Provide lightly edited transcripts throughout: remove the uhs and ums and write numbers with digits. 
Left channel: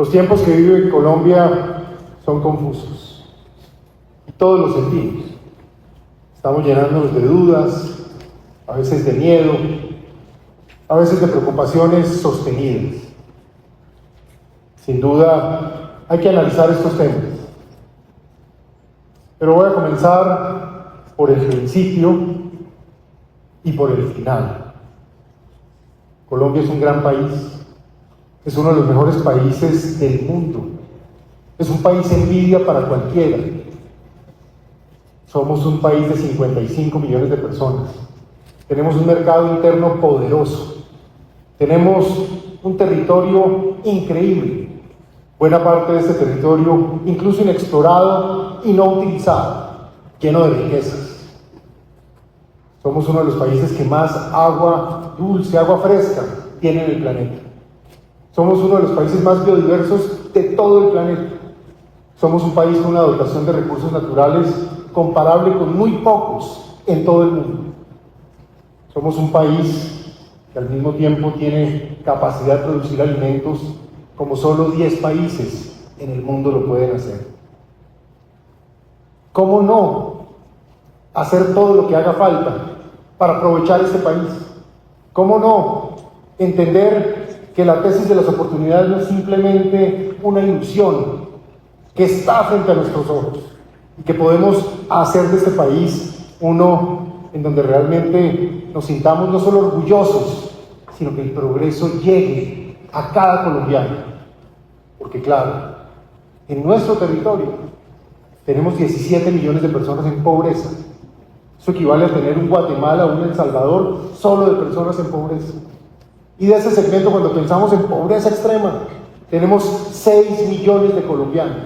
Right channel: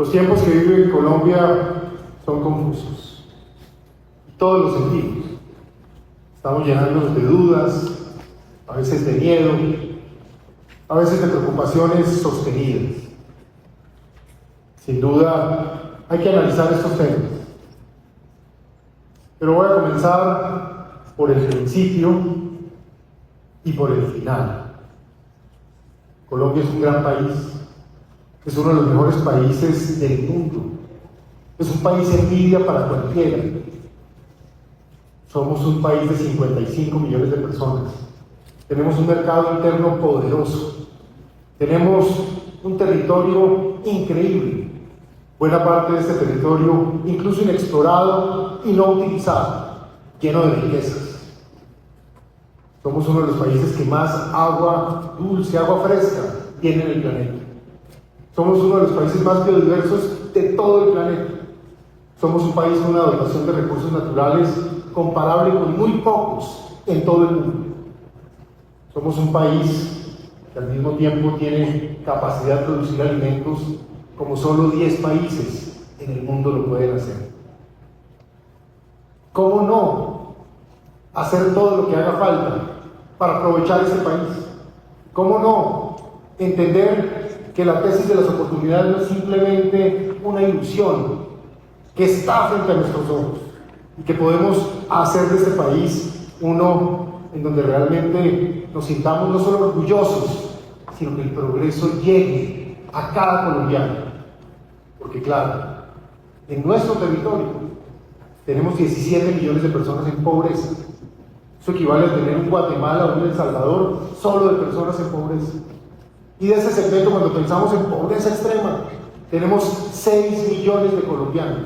Los tiempos que vive en Colombia son confusos, y todos los sentimos. Estamos llenándonos de dudas, a veces de miedo, a veces de preocupaciones sostenidas. Sin duda, hay que analizar estos temas. Pero voy a comenzar por el principio y por el final. Colombia es un gran país, es uno de los mejores países del mundo, es un país envidia para cualquiera. Somos un país de 55 millones de personas, tenemos un mercado interno poderoso, tenemos un territorio increíble, buena parte de este territorio incluso inexplorado y no utilizado, lleno de riquezas. Somos uno de los países que más agua dulce, agua fresca tiene en el planeta. Somos uno de los países más biodiversos de todo el planeta. Somos un país con una dotación de recursos naturales comparable con muy pocos en todo el mundo. Somos un país que al mismo tiempo tiene capacidad de producir alimentos como solo 10 países en el mundo lo pueden hacer. ¿Cómo no hacer todo lo que haga falta para aprovechar este país? ¿Cómo no entender que la tesis de las oportunidades no es simplemente una ilusión que está frente a nuestros ojos y que podemos hacer de este país uno en donde realmente nos sintamos no solo orgullosos, sino que el progreso llegue a cada colombiano? Porque claro, en nuestro territorio tenemos 17 millones de personas en pobreza. Eso equivale a tener un Guatemala o un El Salvador solo de personas en pobreza. Y de ese segmento, cuando pensamos en pobreza extrema, tenemos 6 millones de colombianos.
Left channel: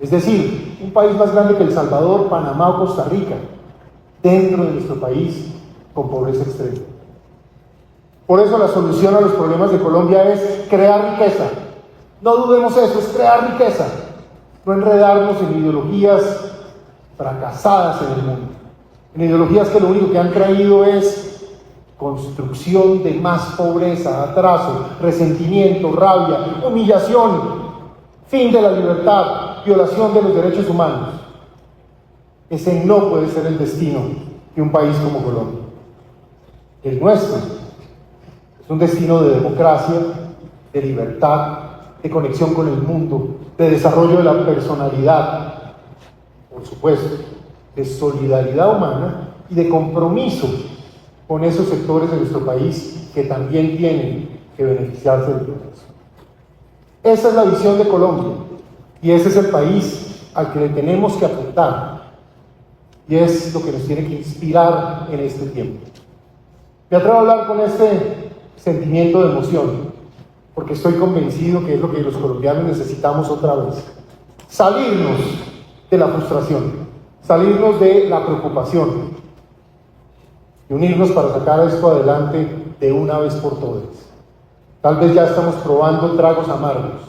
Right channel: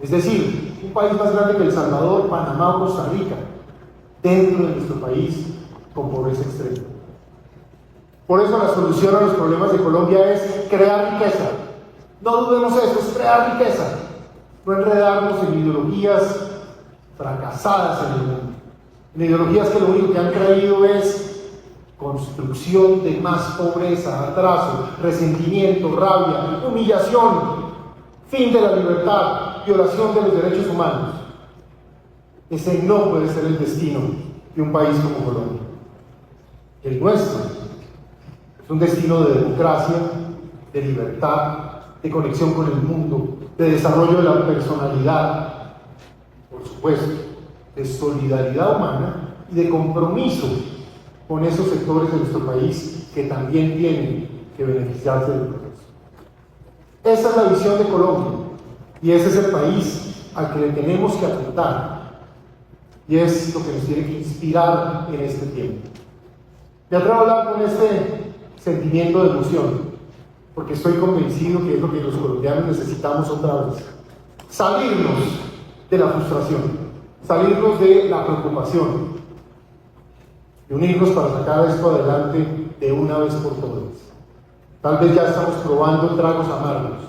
Es decir, un país más grande que El Salvador, Panamá o Costa Rica, dentro de nuestro país, con pobreza extrema. Por eso la solución a los problemas de Colombia es crear riqueza. No dudemos eso, es crear riqueza. No enredarnos en ideologías fracasadas en el mundo. En ideologías que lo único que han traído es construcción de más pobreza, atraso, resentimiento, rabia, humillación, fin de la libertad, violación de los derechos humanos. Ese no puede ser el destino de un país como Colombia. El nuestro es un destino de democracia, de libertad, de conexión con el mundo, de desarrollo de la personalidad, por supuesto, de solidaridad humana y de compromiso con esos sectores de nuestro país que también tienen que beneficiarse del progreso. Esa es la visión de Colombia y ese es el país al que le tenemos que apuntar y es lo que nos tiene que inspirar en este tiempo. Me atrevo a hablar con este sentimiento de emoción porque estoy convencido que es lo que los colombianos necesitamos otra vez: salirnos de la frustración, salirnos de la preocupación y unirnos para sacar esto adelante de una vez por todas. Tal vez ya estamos probando tragos amargos,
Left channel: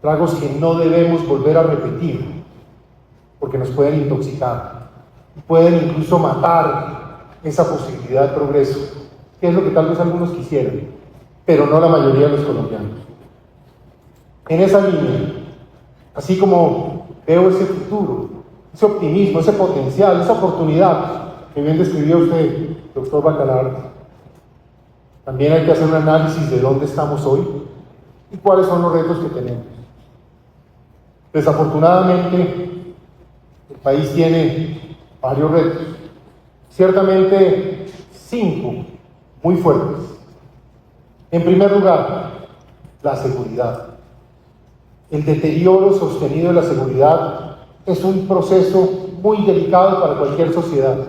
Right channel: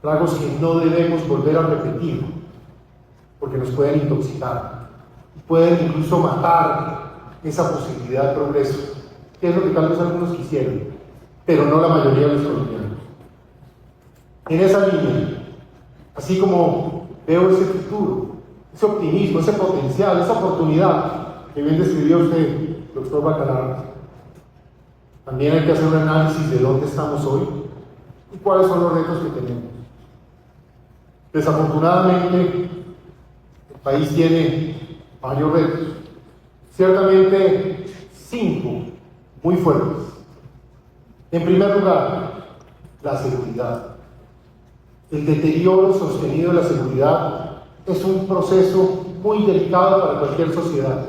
tragos que no debemos volver a repetir, porque nos pueden intoxicar, pueden incluso matar esa posibilidad de progreso, que es lo que tal vez algunos quisieran, pero no la mayoría de los colombianos. En esa línea, así como veo ese futuro, ese optimismo, ese potencial, esa oportunidad que bien describió usted, doctor Bacalar, también hay que hacer un análisis de dónde estamos hoy y cuáles son los retos que tenemos. Desafortunadamente, el país tiene varios retos, ciertamente 5 muy fuertes. En primer lugar, la seguridad. El deterioro sostenido de la seguridad es un proceso muy delicado para cualquier sociedad.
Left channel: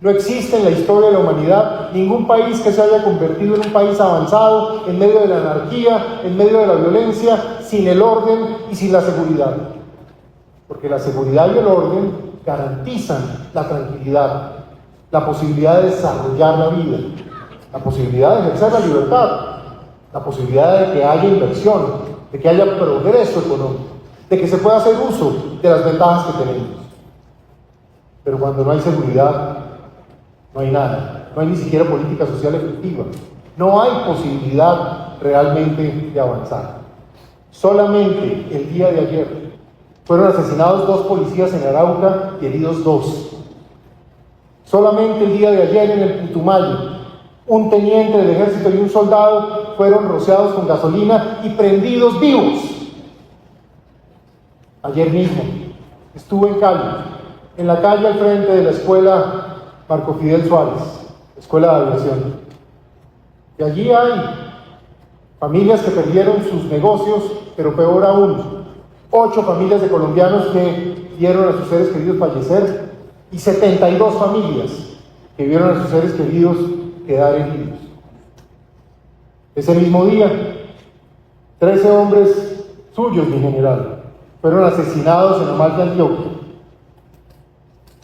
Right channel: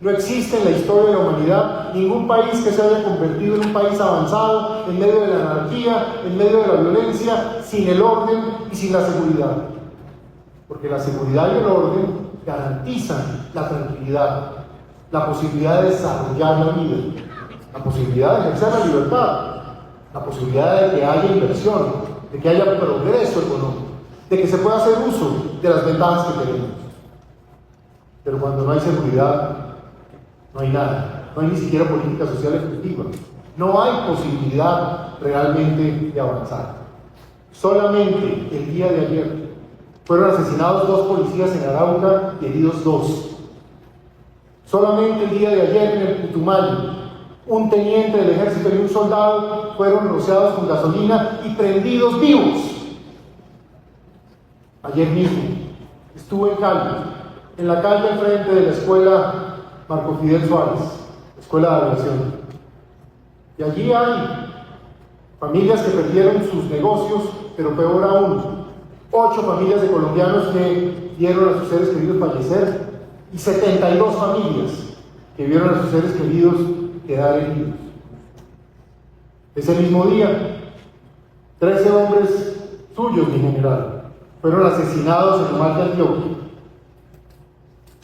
No existe en la historia de la humanidad ningún país que se haya convertido en un país avanzado en medio de la anarquía, en medio de la violencia, sin el orden y sin la seguridad. Porque la seguridad y el orden garantizan la tranquilidad, la posibilidad de desarrollar la vida, la posibilidad de ejercer la libertad, la posibilidad de que haya inversión, de que haya progreso económico, de que se pueda hacer uso de las ventajas que tenemos. Pero cuando no hay seguridad, no hay nada, no hay ni siquiera política social efectiva, no hay posibilidad realmente de avanzar. Solamente el día de ayer fueron asesinados 2 policías en Arauca y heridos 2. Solamente el día de ayer en el Putumayo, un teniente del ejército y un soldado fueron rociados con gasolina y prendidos vivos. Ayer mismo estuve en Cali, en la calle al frente de la escuela Marco Fidel Suárez, escuela de aviación. Y allí hay familias que perdieron sus negocios, pero peor aún, 8 familias de colombianos que vieron a sus seres queridos fallecer y 72 familias que vieron a sus seres queridos quedar heridos. Ese mismo día, 13 hombres suyos, mi general, fueron asesinados en el mar de Antioquia.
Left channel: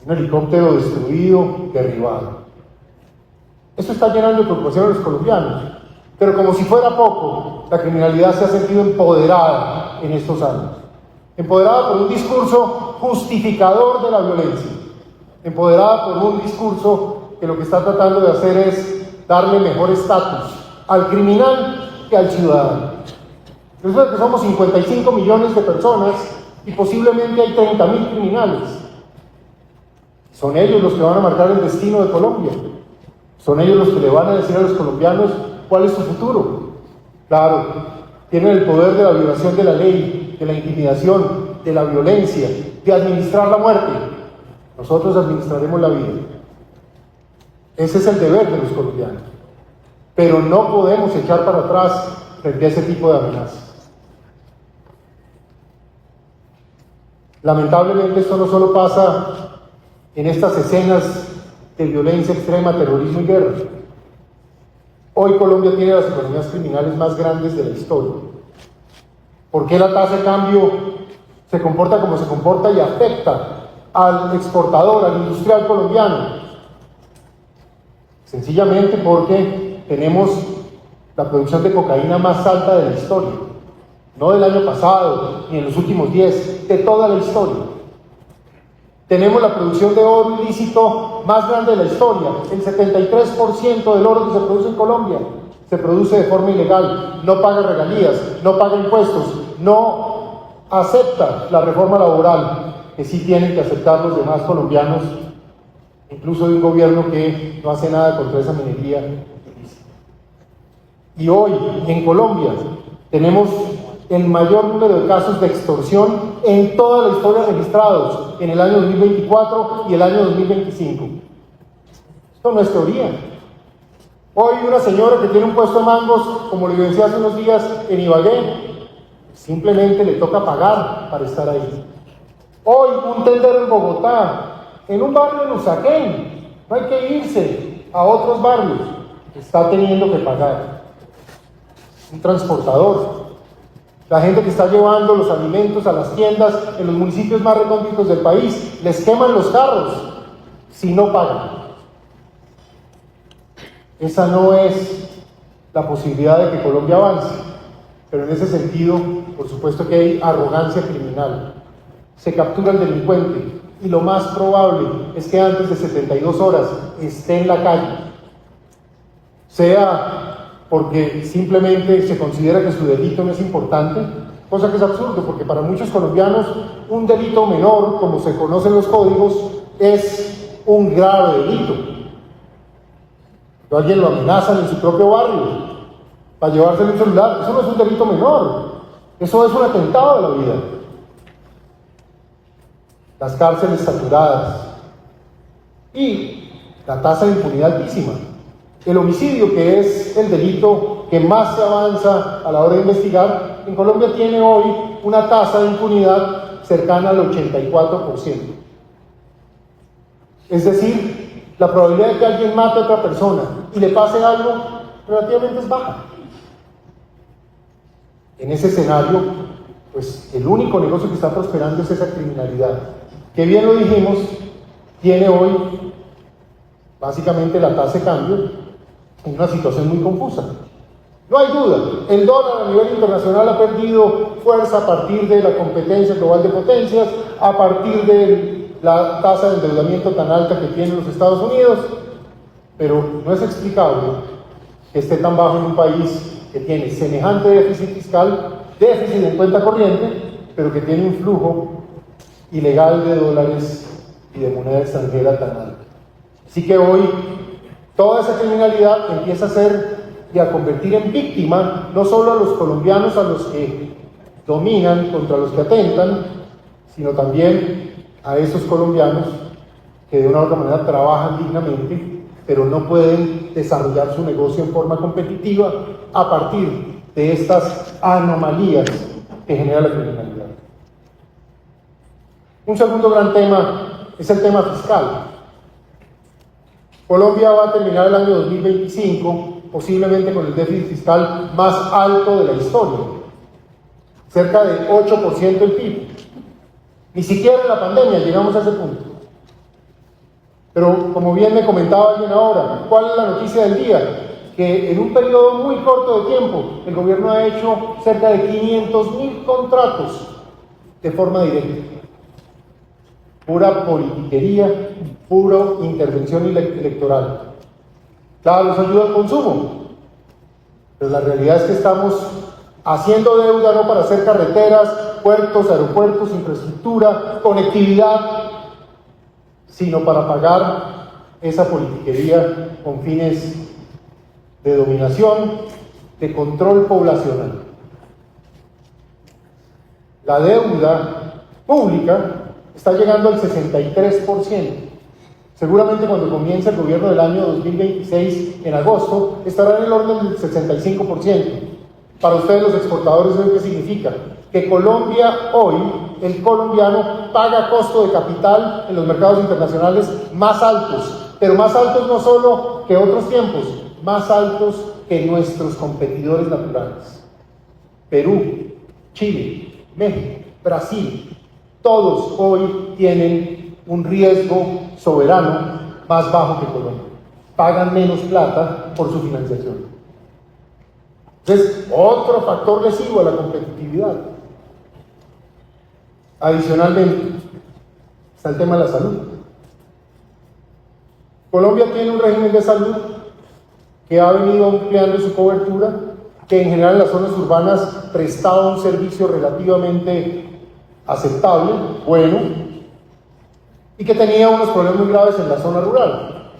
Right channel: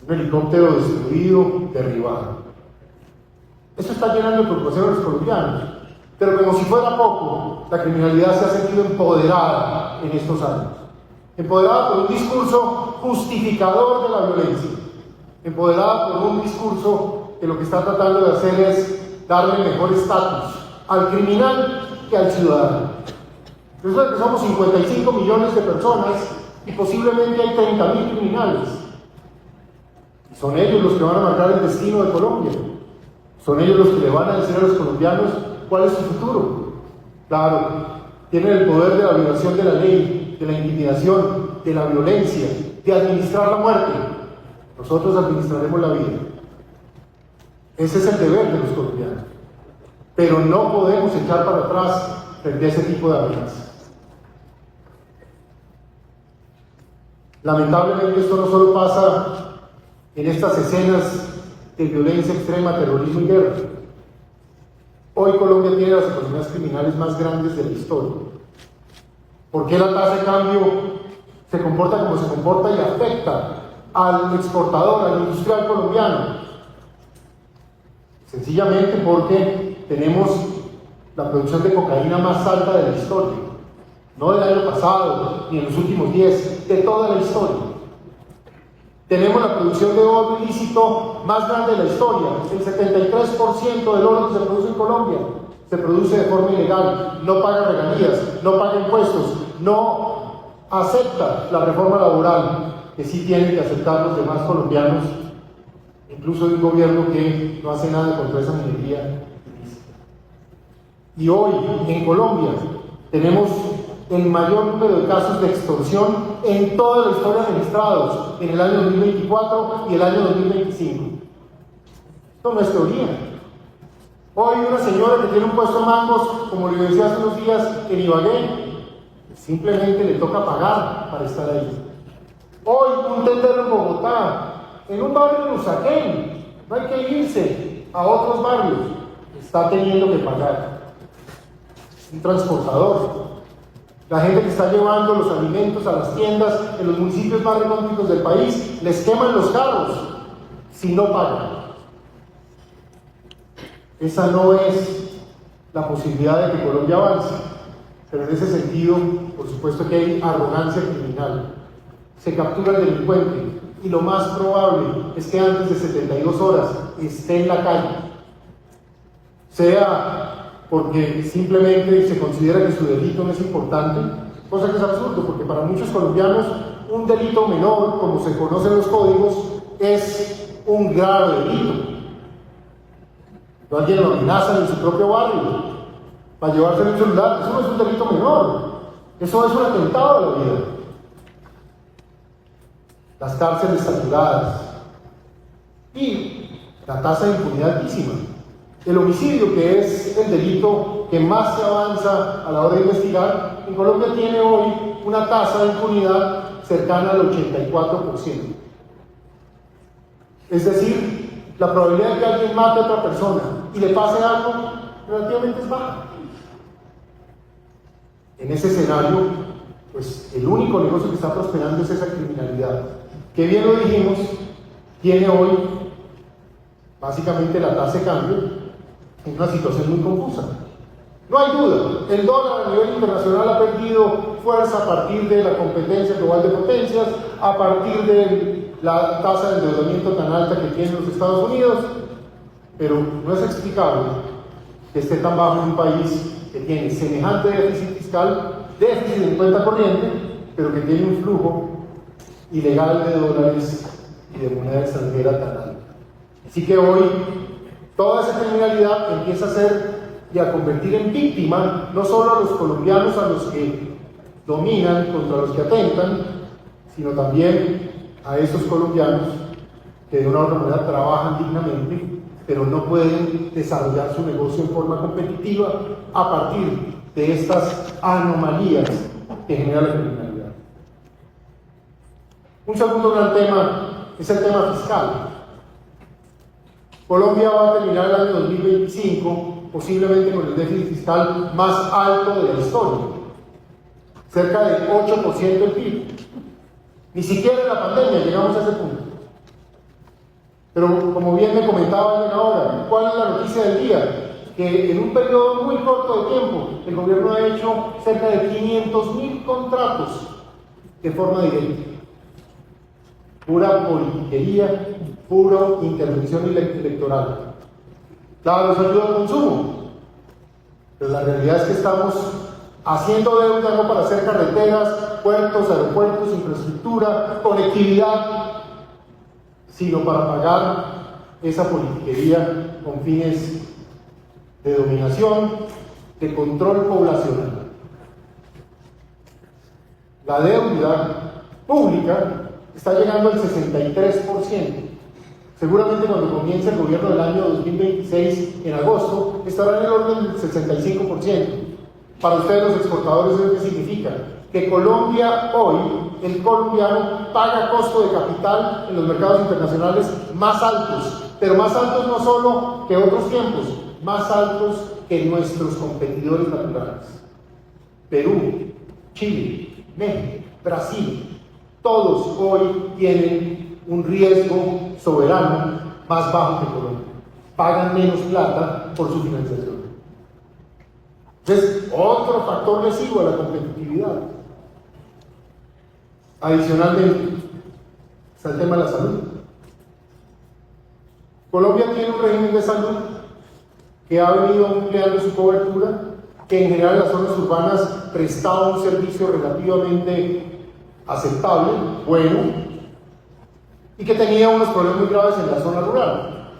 Un helicóptero destruido, derribado. Esto está llenando de preocupación a los colombianos, pero como si fuera poco, la criminalidad se ha sentido empoderada en estos años. Empoderada por un discurso justificador de la violencia, empoderada por un discurso que lo que está tratando de hacer es darle mejor estatus al criminal que al ciudadano. Resulta que somos 55 millones de personas y posiblemente hay 30.000 criminales. Y son ellos los que van a marcar el destino de Colombia. Son ellos los que le van a decir a los colombianos cuál es su futuro. Claro, tienen el poder de la violación de la ley, de la intimidación, de la violencia, de administrar la muerte. Nosotros administraremos la vida. Ese es el deber de los colombianos. Pero no podemos echar para atrás frente a ese tipo de amenazas. Lamentablemente esto no solo pasa en estas escenas de violencia extrema, terrorismo y guerra. Hoy Colombia tiene las economías criminales más grandes de la historia. ¿Por qué la tasa de cambio se comporta como se comporta y afecta al exportador, al industrial colombiano? Sencillamente porque tenemos la producción de cocaína más alta de la historia. No del año pasado, ni en los últimos 10, de toda la historia. Tenemos la producción de oro ilícito más grande de la historia. El 73% del oro que se produce en Colombia se produce de forma ilegal, no paga regalías, no paga impuestos, no acepta la reforma laboral que sí tienen que aceptar los demás colombianos, incluso de un gobierno que no hace nada contra esa minería ilícita. Y hoy, en Colombia, tenemos el mayor número de casos de extorsión en toda la historia registrados en el año 2024 y el año 2025. Esto no es teoría. Hoy una señora que tiene un puesto de mandos, como le decía hace unos días en Ibagué, simplemente le toca pagar para estar ahí. Hoy un tendero en Bogotá, en un barrio de Usaquén, no hay que irse a otros barrios, está teniendo que pagar. Un transportador, la gente que está llevando los alimentos a las tiendas en los municipios más recónditos del país, les queman los carros si no pagan. Esa no es la posibilidad de que Colombia avance, pero en ese sentido, por supuesto que hay arrogancia criminal. Se captura al delincuente y lo más probable es que antes de 72 horas esté en la calle, sea porque simplemente se considera que su delito no es importante, cosa que es absurdo, porque para muchos colombianos un delito menor, como se conoce en los códigos, es un grave delito. Alguien lo amenaza en su propio barrio para llevarse el celular, eso no es un delito menor, eso es un atentado a la vida. Las cárceles saturadas y la tasa de impunidad altísima. El homicidio, que es el delito que más se avanza a la hora de investigar, en Colombia tiene hoy una tasa de impunidad cercana al 84%. Es decir, la probabilidad de que alguien mate a otra persona y le pase algo relativamente es baja. En ese escenario, pues el único negocio que está prosperando es esa criminalidad, que bien lo dijimos, tiene hoy básicamente la tasa de cambio en una situación muy confusa. No hay duda, el dólar a nivel internacional ha perdido fuerza a partir de la competencia global de potencias, a partir de la tasa de endeudamiento tan alta que tienen los Estados Unidos, pero no es explicable que esté tan bajo en un país que tiene semejante déficit fiscal déficit en cuenta corriente, pero que tiene un flujo ilegal de dólares y de moneda extranjera tan alto. Así que hoy toda esa criminalidad empieza a ser y a convertir en víctima no solo a los colombianos, a los que dominan, contra los que atentan, sino también a esos colombianos que de una u otra manera trabajan dignamente, pero no pueden desarrollar su negocio en forma competitiva a partir de estas anomalías que genera la criminalidad. Un segundo gran tema es el tema fiscal. Colombia va a terminar el año 2025 posiblemente con el déficit fiscal más alto de la historia, cerca del 8% del PIB. Ni siquiera en la pandemia llegamos a ese punto. Pero como bien me comentaban ahora, ¿cuál es la noticia del día? Que en un periodo muy corto de tiempo el gobierno ha hecho cerca de 500.000 contratos de forma directa. Pura politiquería, pura intervención electoral. Claro, nos ayuda al consumo, pero la realidad es que estamos haciendo deuda no para hacer carreteras, puertos, aeropuertos, infraestructura, conectividad, sino para pagar esa politiquería con fines de dominación, de control poblacional. La deuda pública está llegando al 63%. Seguramente cuando comience el gobierno del año 2026, en agosto, estará en el orden del 65%. Para ustedes los exportadores, ¿eso qué significa? Que Colombia hoy, el colombiano, paga costo de capital en los mercados internacionales más altos, pero más altos no solo que otros tiempos, más altos que nuestros competidores naturales. Perú, Chile, México, Brasil, todos hoy tienen un riesgo soberano más bajo que Colombia. Pagan menos plata por su financiación. Entonces, otro factor lesivo a la competitividad. Adicionalmente, está el tema de la salud. Colombia tiene un régimen de salud que ha venido ampliando su cobertura, que en general en las zonas urbanas prestaba un servicio relativamente aceptable, bueno, y que tenía unos problemas muy graves en la zona rural.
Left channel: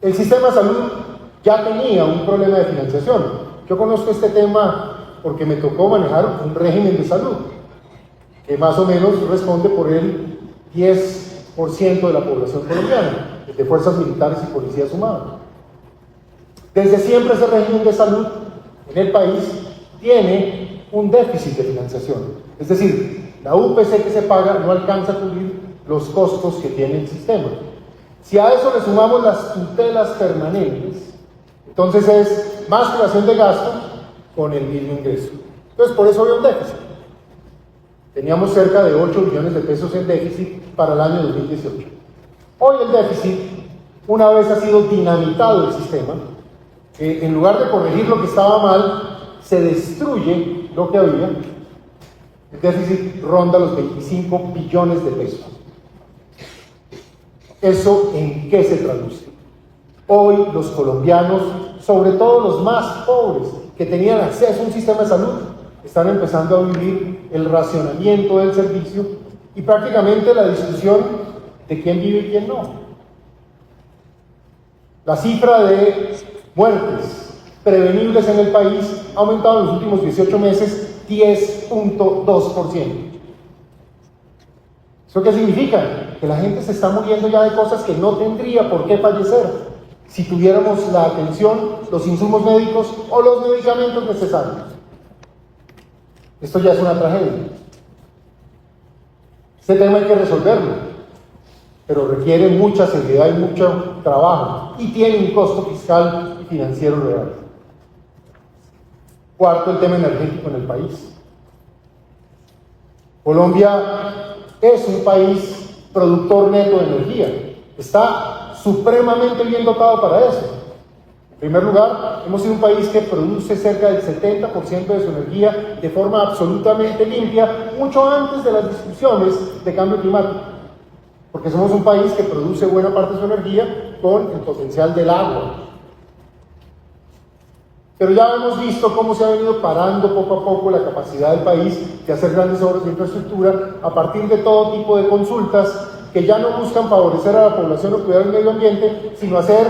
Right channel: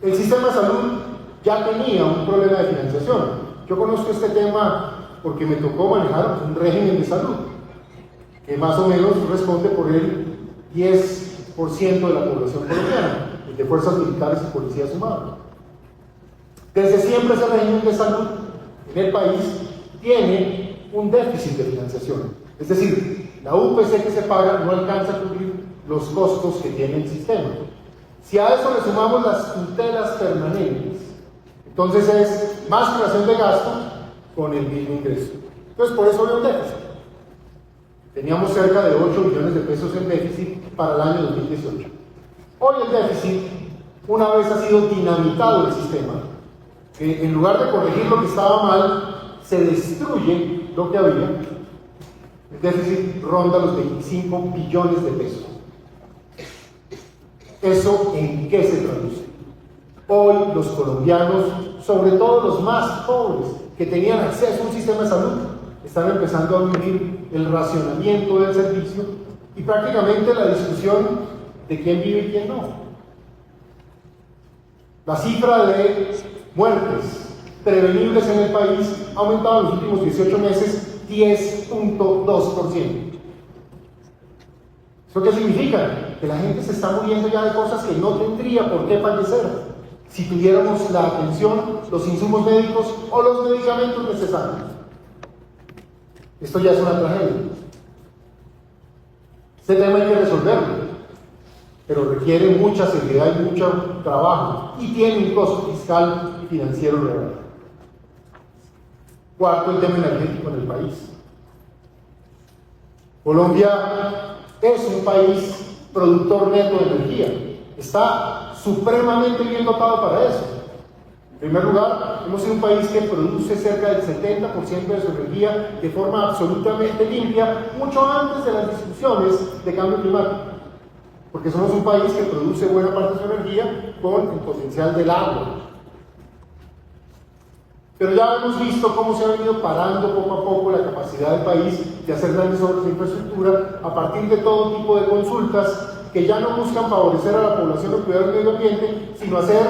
El sistema de salud ya tenía un problema de financiación. Yo conozco este tema porque me tocó manejar un régimen de salud que más o menos responde por el 10% de la población colombiana, de fuerzas militares y policías sumados. Desde siempre ese régimen de salud en el país tiene un déficit de financiación. Es decir, la UPC que se paga no alcanza a cubrir los costos que tiene el sistema. Si a eso le sumamos las tutelas permanentes, entonces es más creación de gastos con el mismo ingreso. Entonces por eso había un déficit. Teníamos cerca de 8 millones de pesos en déficit para el año 2018. Hoy el déficit, una vez ha sido dinamitado el sistema, en lugar de corregir lo que estaba mal, se destruye lo que había. El déficit ronda los 25 billones de pesos. ¿Eso en qué se traduce? Hoy los colombianos, sobre todo los más pobres, que tenían acceso a un sistema de salud, están empezando a vivir el racionamiento del servicio y prácticamente la discusión de quién vive y quién no. La cifra de muertes prevenibles en el país ha aumentado en los últimos 18 meses 10.2%. ¿Eso qué significa? Que la gente se está muriendo ya de cosas que no tendría por qué fallecer si tuviéramos la atención, los insumos médicos o los medicamentos necesarios. Esto ya es una tragedia. Este tema hay que resolverlo, pero requiere mucha seriedad y mucho trabajo y tiene un costo fiscal y financiero real. Cuarto, el tema energético en el país. Colombia es un país productor neto de energía. Está supremamente bien dotado para eso. En primer lugar, hemos sido un país que produce cerca del 70% de su energía de forma absolutamente limpia, mucho antes de las discusiones de cambio climático. Porque somos un país que produce buena parte de su energía con el potencial del agua. Pero ya hemos visto cómo se ha venido parando poco a poco la capacidad del país de hacer grandes obras de infraestructura a partir de todo tipo de consultas que ya no buscan favorecer a la población o cuidar el medio ambiente, sino hacer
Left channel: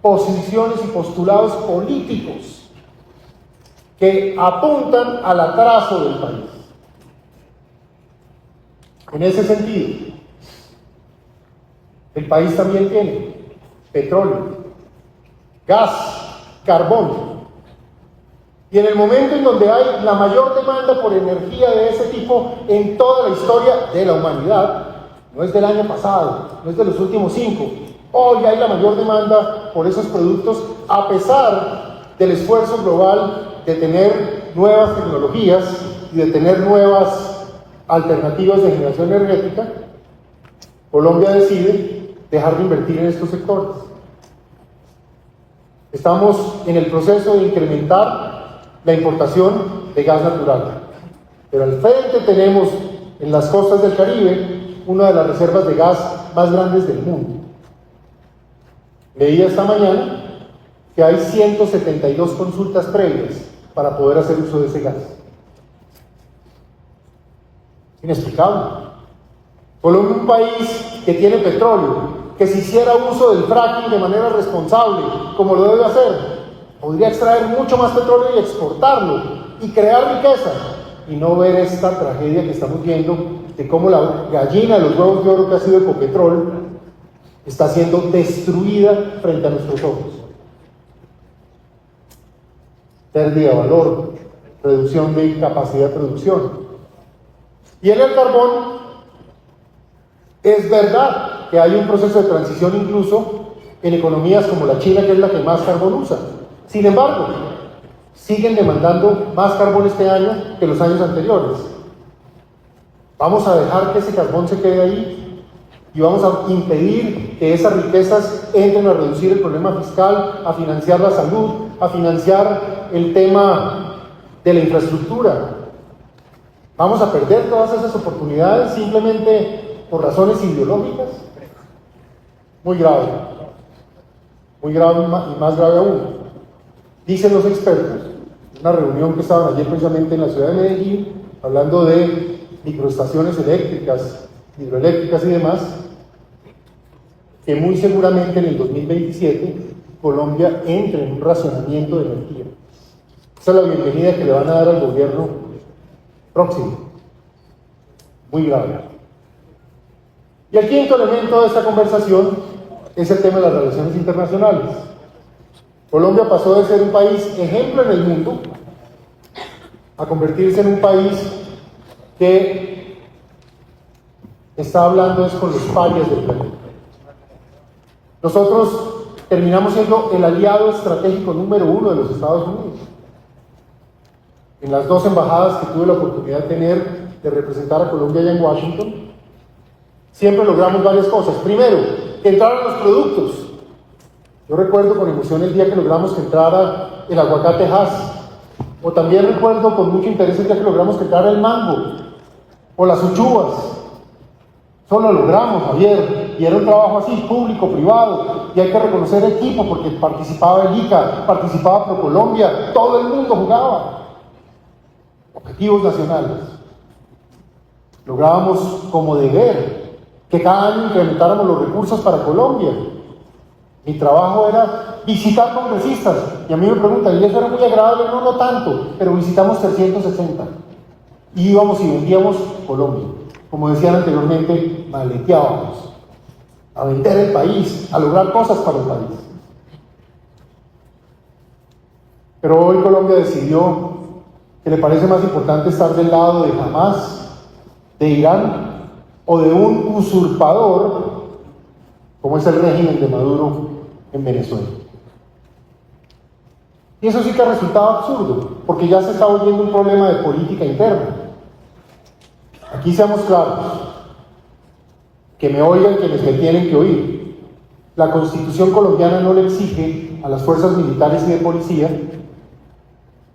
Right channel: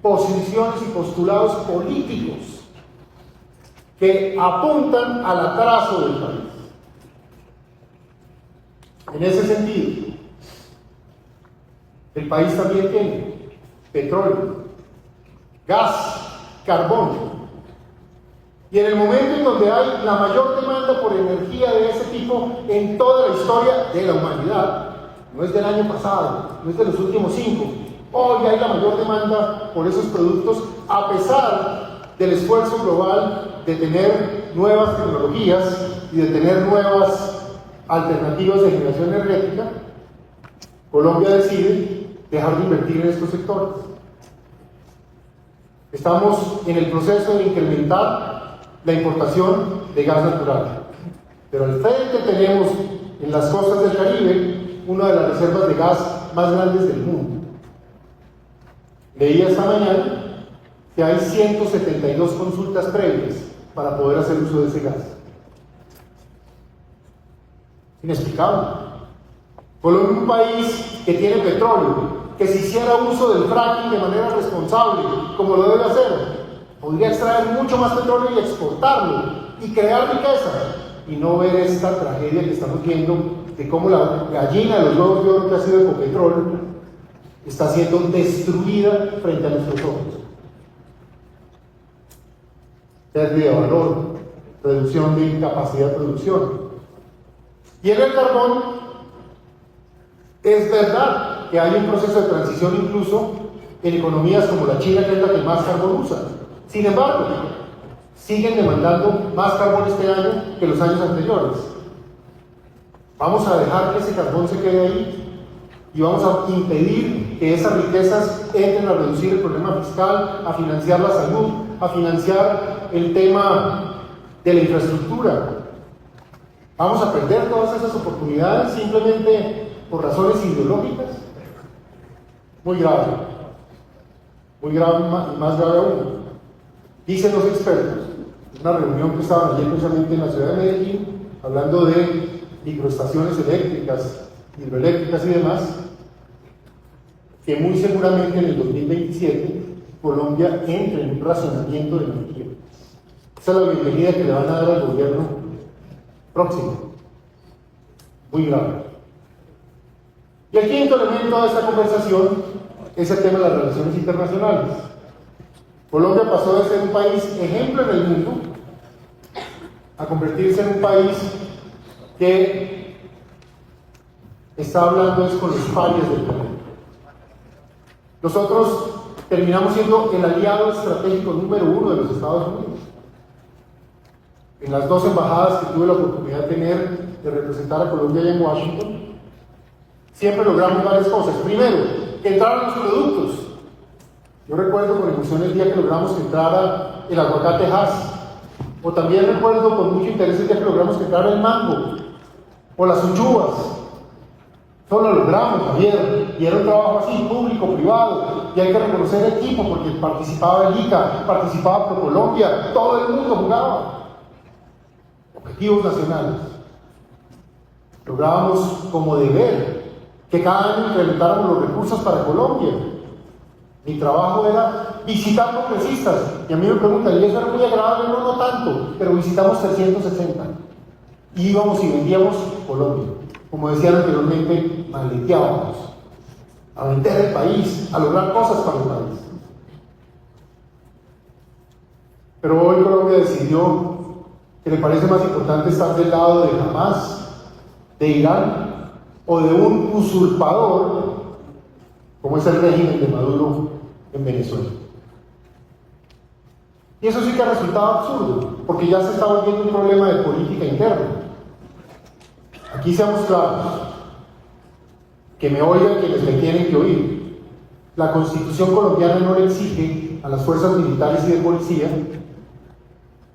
posiciones y postulados políticos que apuntan al atraso del país. En ese sentido, el país también tiene petróleo, gas, carbón. Y en el momento en donde hay la mayor demanda por energía de ese tipo en toda la historia de la humanidad, no es del año pasado, no es de los últimos 5, hoy hay la mayor demanda por esos productos a pesar del esfuerzo global de tener nuevas tecnologías y de tener nuevas alternativas de generación energética. Colombia decide dejar de invertir en estos sectores. Estamos en el proceso de incrementar la importación de gas natural, pero al frente tenemos en las costas del Caribe una de las reservas de gas más grandes del mundo. Leí esta mañana que hay 172 consultas previas para poder hacer uso de ese gas. Inexplicable. Colombia es un país que tiene petróleo, que si hiciera uso del fracking de manera responsable, como lo debe hacer, podría extraer mucho más petróleo y exportarlo y crear riqueza, y no ver esta tragedia que estamos viendo de cómo la gallina de los huevos de oro que ha sido Ecopetrol está siendo destruida frente a nuestros ojos. Pérdida de valor, reducción de capacidad de producción. Y en el carbón, es verdad que hay un proceso de transición incluso en economías como la China, que es la que más carbón usa. Sin embargo, siguen demandando más carbón este año que los años anteriores. Vamos a dejar que ese carbón se quede ahí y vamos a impedir que esas riquezas entren a reducir el problema fiscal, a financiar la salud, a financiar el tema de la infraestructura. Vamos a perder todas esas oportunidades simplemente por razones ideológicas. Muy grave y más grave aún. Dicen los expertos, en una reunión que estaban ayer precisamente en la ciudad de Medellín, hablando de microestaciones eléctricas, hidroeléctricas y demás, que muy seguramente en el 2027 Colombia entre en un racionamiento de energía. Esa es la bienvenida que le van a dar al gobierno próximo. Muy grave. Y el quinto elemento de esta conversación es el tema de las relaciones internacionales. Colombia pasó de ser un país ejemplo en el mundo a convertirse en un país que está hablando con los parias del planeta. Nosotros terminamos siendo el aliado estratégico número 1 de los Estados Unidos. En las 2 embajadas que tuve la oportunidad de tener de representar a Colombia allá en Washington, siempre logramos varias cosas. Primero, que entraran los productos. Yo recuerdo con emoción el día que logramos que entrara el aguacate Hass, o también recuerdo con mucho interés el día que logramos que entrara el mango, o las uchuvas. Eso lo logramos, Javier, y era un trabajo así, público, privado, y hay que reconocer el equipo, porque participaba el ICA, participaba por Colombia, todo el mundo jugaba. Objetivos nacionales. Lográbamos como deber que cada año incrementáramos los recursos para Colombia. Mi trabajo era visitar congresistas, y a mí me preguntan, ¿y eso era muy agradable? No, no tanto, pero visitamos 360. Y íbamos y vendíamos Colombia. Como decían anteriormente, maleteábamos a vender el país, a lograr cosas para el país. Pero hoy Colombia decidió que le parece más importante estar del lado de Hamas, de Irán o de un usurpador como es el régimen de Maduro en Venezuela. Y eso sí que ha resultado absurdo, porque ya se está volviendo un problema de política interna. Aquí seamos claros, que me oigan quienes me tienen que oír. La Constitución colombiana no le exige a las fuerzas militares y de policía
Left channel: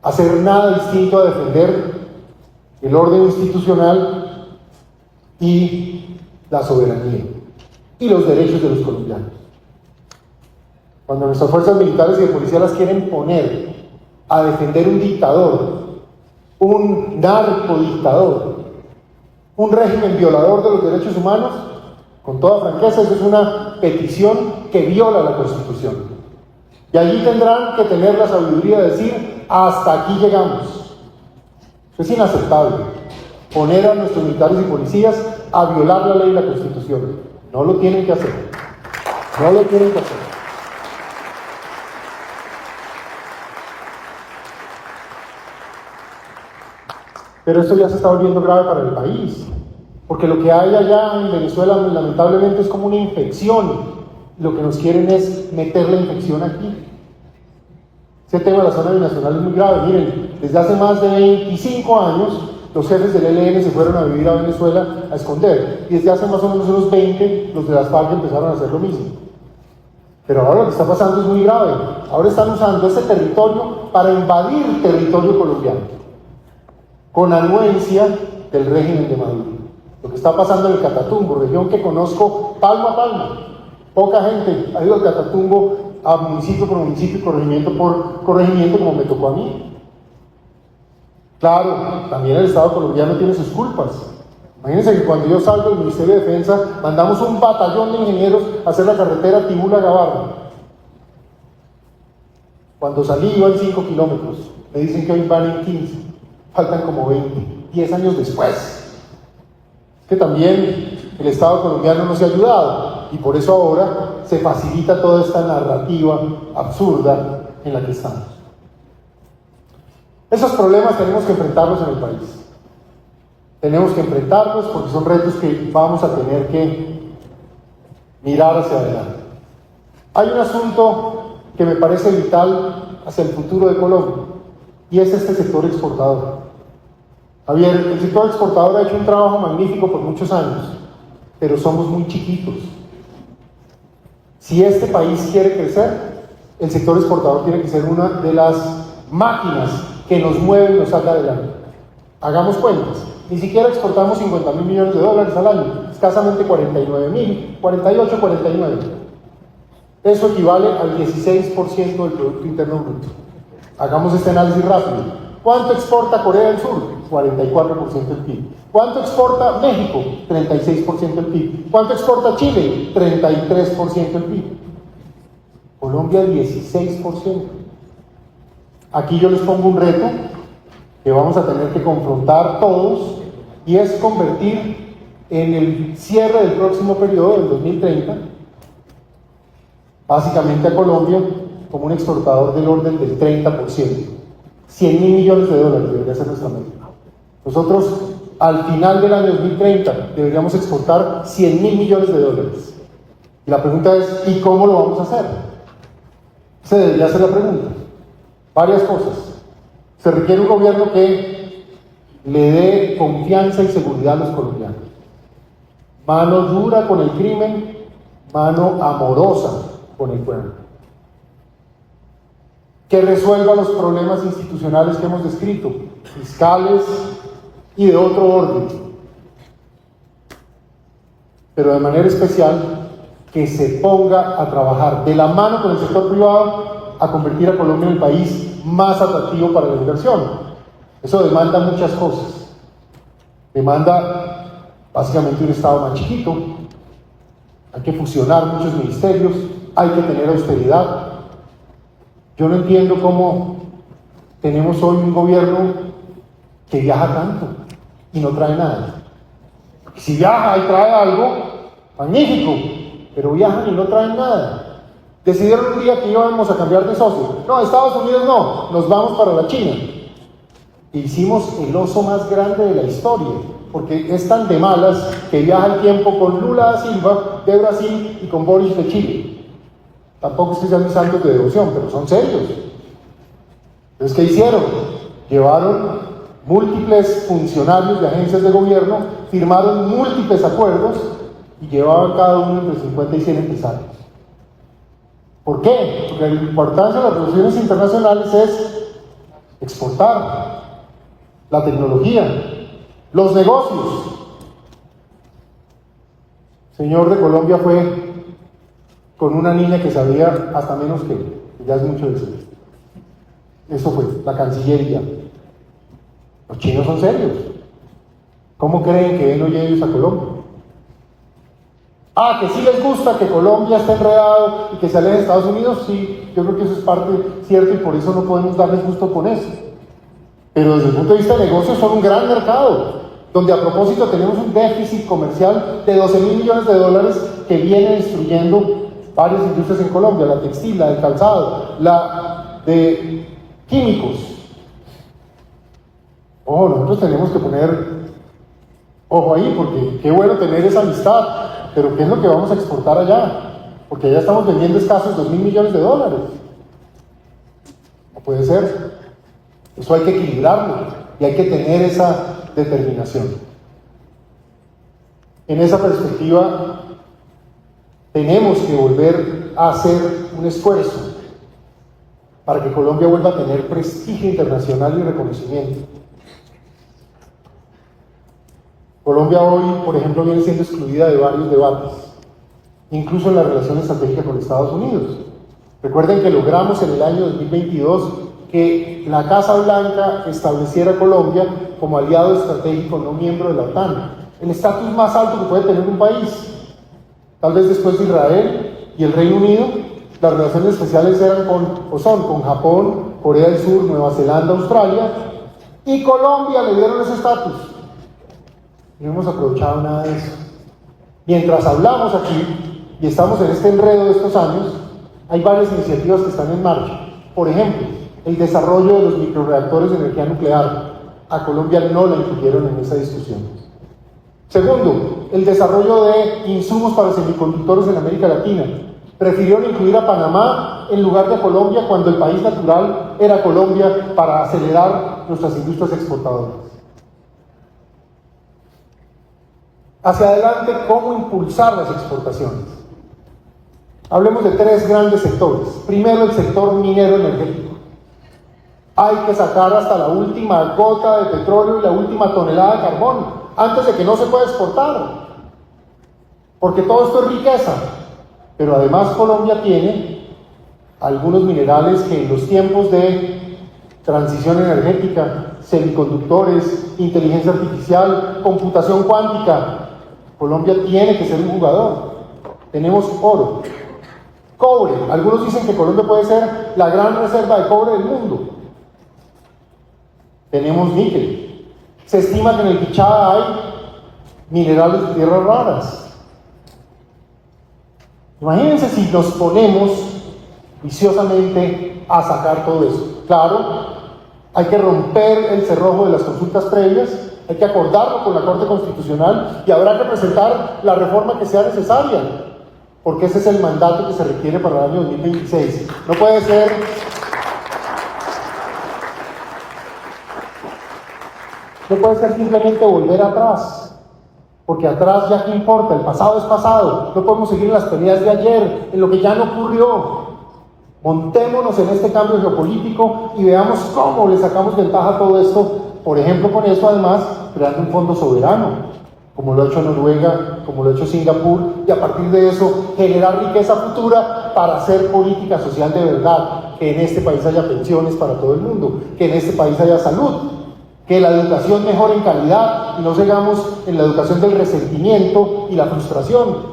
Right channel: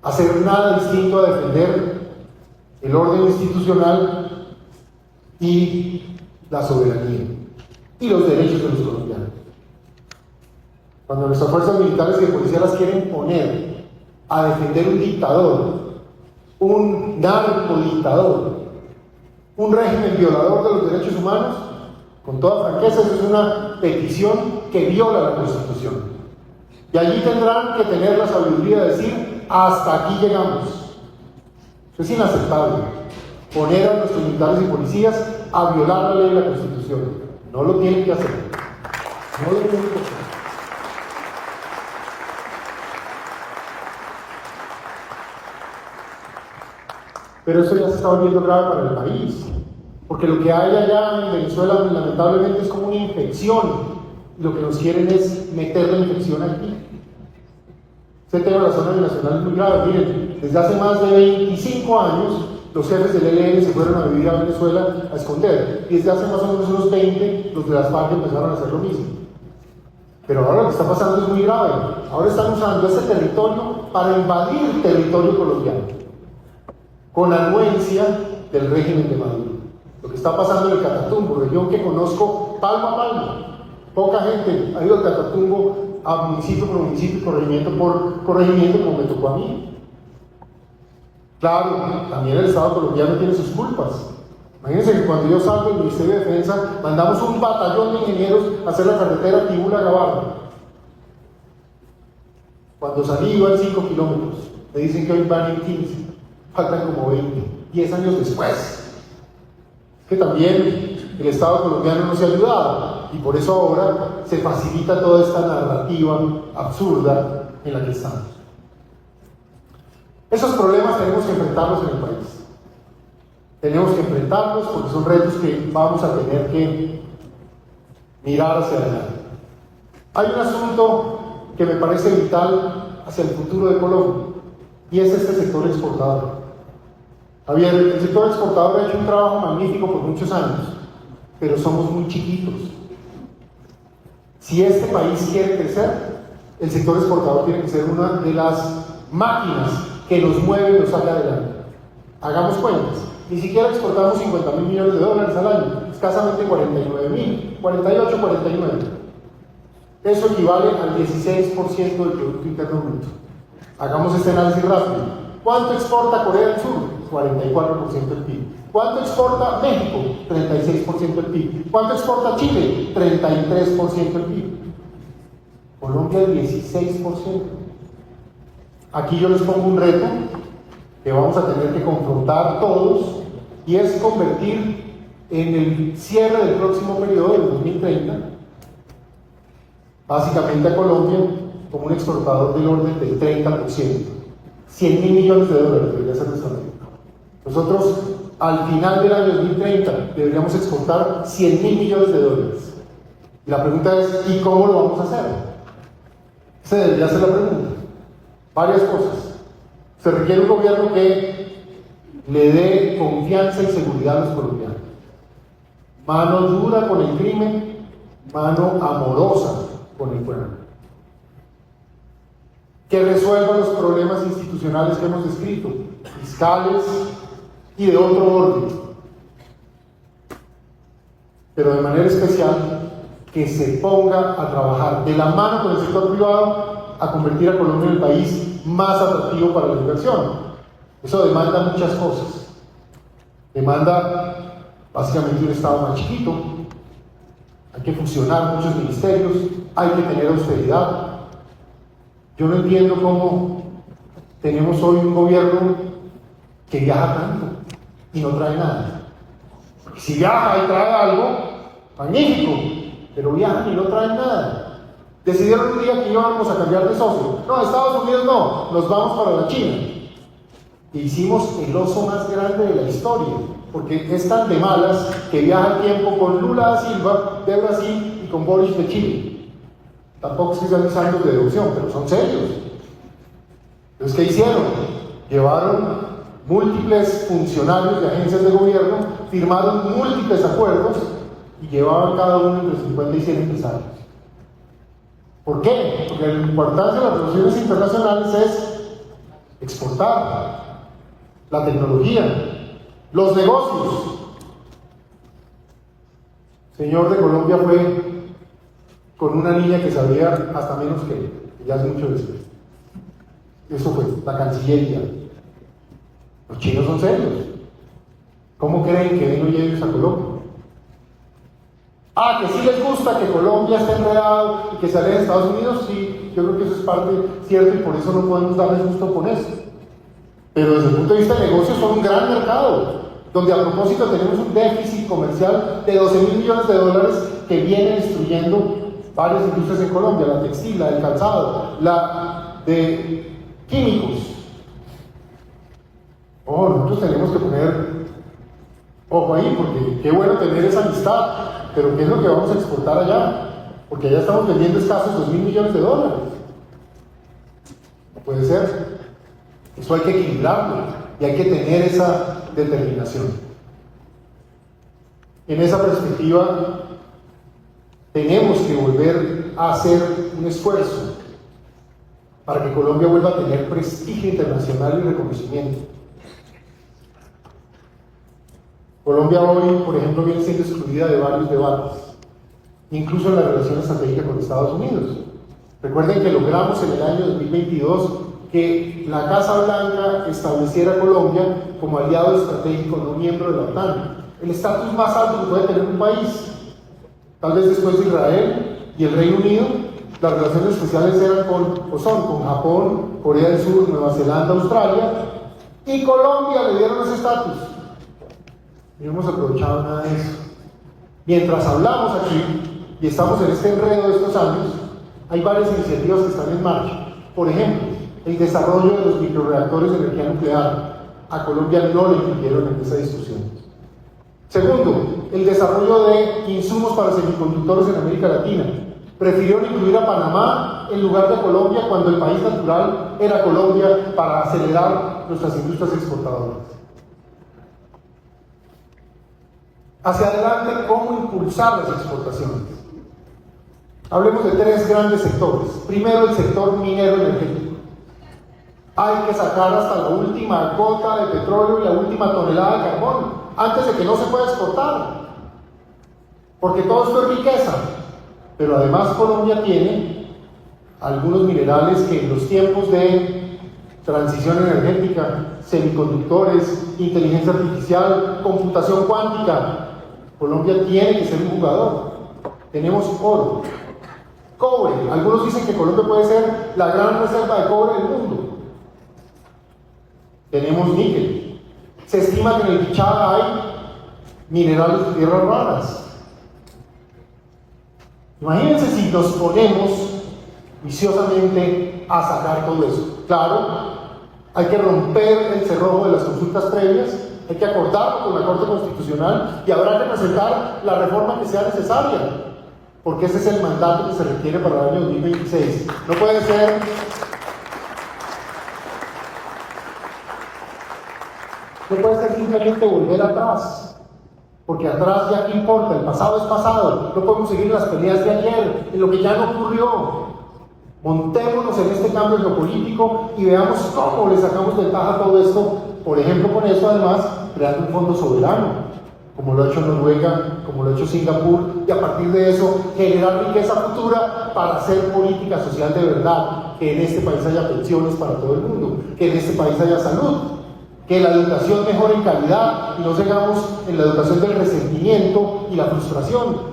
hacer nada distinto a defender el orden institucional y la soberanía y los derechos de los colombianos. Cuando nuestras fuerzas militares y de policía las quieren poner a defender un dictador, un narcodictador, un régimen violador de los derechos humanos, con toda franqueza, eso es una petición que viola la Constitución. Y allí tendrán que tener la sabiduría de decir, hasta aquí llegamos. Eso es inaceptable. Poner a nuestros militares y policías a violar la ley y la Constitución. No lo tienen que hacer. No lo tienen que hacer. Pero esto ya se está volviendo grave para el país, porque lo que hay allá en Venezuela lamentablemente es como una infección. Lo que nos quieren es meter la infección aquí. Ese tema de la zona nacional es muy grave. Miren, desde hace más de 25 años los jefes del ELN se fueron a vivir a Venezuela a esconder, y desde hace más o menos unos 20 los de las FARC empezaron a hacer lo mismo. Pero ahora lo que está pasando es muy grave. Ahora están usando ese territorio para invadir territorio colombiano, con anuencia del régimen de Maduro. Lo que está pasando en el Catatumbo, región que conozco palmo a palmo. Poca gente ha ido al Catatumbo, a municipio por municipio, corregimiento por corregimiento, como me tocó a mí. Claro, también el Estado colombiano tiene sus culpas. Imagínense que cuando yo salgo del Ministerio de Defensa, mandamos un batallón de ingenieros a hacer la carretera Tibula-Gabarra. Cuando salí iban 5 kilómetros, me dicen que hoy van en 15, faltan como 20, 10 años después. Que también el Estado colombiano nos ha ayudado, y por eso ahora se facilita toda esta narrativa absurda en la que estamos. Esos problemas tenemos que enfrentarlos en el país. Tenemos que enfrentarlos porque son retos que vamos a tener que mirar hacia adelante. Hay un asunto que me parece vital hacia el futuro de Colombia, y es este sector exportador. Javier, el sector exportador ha hecho un trabajo magnífico por muchos años, pero somos muy chiquitos. Si este país quiere crecer, el sector exportador tiene que ser una de las máquinas que nos mueve y nos saca adelante. Hagamos cuentas. Ni siquiera exportamos 50.000 millones de dólares al año, escasamente 49.000, 48, 49. Eso equivale al 16% del Producto Interno Bruto. Hagamos este análisis rápido. ¿Cuánto exporta Corea del Sur? 44% del PIB. ¿Cuánto exporta México? 36% del PIB. ¿Cuánto exporta Chile? 33% del PIB. Colombia, 16%. Aquí yo les pongo un reto que vamos a tener que confrontar todos, y es convertir en el cierre del próximo periodo, del 2030, básicamente a Colombia como un exportador del orden del 30%. 100.000 millones de dólares debería ser nuestra meta. Nosotros, al final del año 2030, deberíamos exportar 100.000 millones de dólares. Y la pregunta es, ¿y cómo lo vamos a hacer? Se debería hacer la pregunta. Varias cosas. Se requiere un gobierno que le dé confianza y seguridad a los colombianos. Mano dura con el crimen, mano amorosa con el pueblo. Que resuelva los problemas institucionales que hemos descrito, fiscales y de otro orden. Pero de manera especial, que se ponga a trabajar de la mano con el sector privado a convertir a Colombia en el país más atractivo para la inversión. Eso demanda muchas cosas. Demanda básicamente un Estado más chiquito, hay que fusionar muchos ministerios, hay que tener austeridad. Yo no entiendo cómo tenemos hoy un gobierno que viaja tanto y no trae nada. Si viaja y trae algo, magnífico, pero viajan y no traen nada. Decidieron un día que íbamos a cambiar de socio. No, Estados Unidos no, nos vamos para la China. E hicimos el oso más grande de la historia, porque es tan de malas que viaja el tiempo con Lula da Silva de Brasil y con Boris de Chile. Tampoco es que sean mis santos de devoción, pero son serios. Entonces, ¿qué hicieron? Llevaron múltiples funcionarios de agencias de gobierno, firmaron múltiples acuerdos y llevaban cada uno entre 50 y 100 empresarios. ¿Por qué? Porque la importancia de las relaciones internacionales es exportar la tecnología, los negocios. El señor de Colombia fue con una niña que sabía hasta menos que ya es mucho decir. Eso fue la Cancillería. Los chinos son serios. ¿Cómo creen que ven los ellos a Colombia? Ah, que sí les gusta que Colombia esté enredado y que se aleje de Estados Unidos, sí, yo creo que eso es parte cierta y por eso no podemos darles gusto con eso. Pero desde el punto de vista de negocios son un gran mercado, donde a propósito tenemos un déficit comercial de 12.000 millones de dólares que viene destruyendo varias industrias en Colombia, la textil, la del calzado, la de químicos. Oh, nosotros tenemos que poner ojo ahí, porque qué bueno tener esa amistad, pero ¿qué es lo que vamos a exportar allá? Porque allá estamos vendiendo escasos 2.000 millones de dólares. No puede ser. Eso hay que equilibrarlo y hay que tener esa determinación. En esa perspectiva, tenemos que volver a hacer un esfuerzo para que Colombia vuelva a tener prestigio internacional y reconocimiento. Colombia hoy, por ejemplo, viene siendo excluida de varios debates, incluso en la relación estratégica con Estados Unidos. Recuerden que logramos en el año 2022 que la Casa Blanca estableciera a Colombia como aliado estratégico, no miembro de la OTAN, el estatus más alto que puede tener un país. Tal vez después de Israel y el Reino Unido, las relaciones especiales eran con Japón, Corea del Sur, Nueva Zelanda, Australia, y Colombia le dieron ese estatus. No hemos aprovechado nada de eso. Mientras hablamos aquí y estamos en este enredo de estos años, hay varias iniciativas que están en marcha. Por ejemplo, el desarrollo de los microreactores de energía nuclear. A Colombia no lo incluyeron en esa discusión. Segundo, el desarrollo de insumos para semiconductores en América Latina. Prefirieron incluir a Panamá en lugar de a Colombia cuando el país natural era Colombia para acelerar nuestras industrias exportadoras. Hacia adelante, ¿cómo impulsar las exportaciones? Hablemos de tres grandes sectores. Primero, el sector minero energético. Hay que sacar hasta la última gota de petróleo y la última tonelada de carbón antes de que no se pueda exportar. Porque todo esto es riqueza. Pero además Colombia tiene algunos minerales que en los tiempos de transición energética, semiconductores, inteligencia artificial, computación cuántica, Colombia tiene que ser un jugador. Tenemos oro, cobre. Algunos dicen que Colombia puede ser la gran reserva de cobre del mundo. Tenemos níquel. Se estima que en el Bichada hay minerales de tierras raras. Imagínense si nos ponemos viciosamente a sacar todo eso. Claro, hay que romper el cerrojo de las consultas previas, hay que acordarlo con la Corte Constitucional y habrá que presentar la reforma que sea necesaria, porque ese es el mandato que se requiere para el año 2026. No puede ser simplemente volver atrás, porque atrás ya qué importa, el pasado es pasado, no podemos seguir las peleas de ayer, en lo que ya no ocurrió. Montémonos en este cambio geopolítico y veamos cómo le sacamos ventaja a todo esto, por ejemplo, con eso además, creando un fondo soberano, como lo ha hecho Noruega, como lo ha hecho Singapur, y a partir de eso generar riqueza futura para hacer política social de verdad, que en este país haya pensiones para todo el mundo, que en este país haya salud, que la educación mejore en calidad y no sigamos en la educación del resentimiento y la frustración.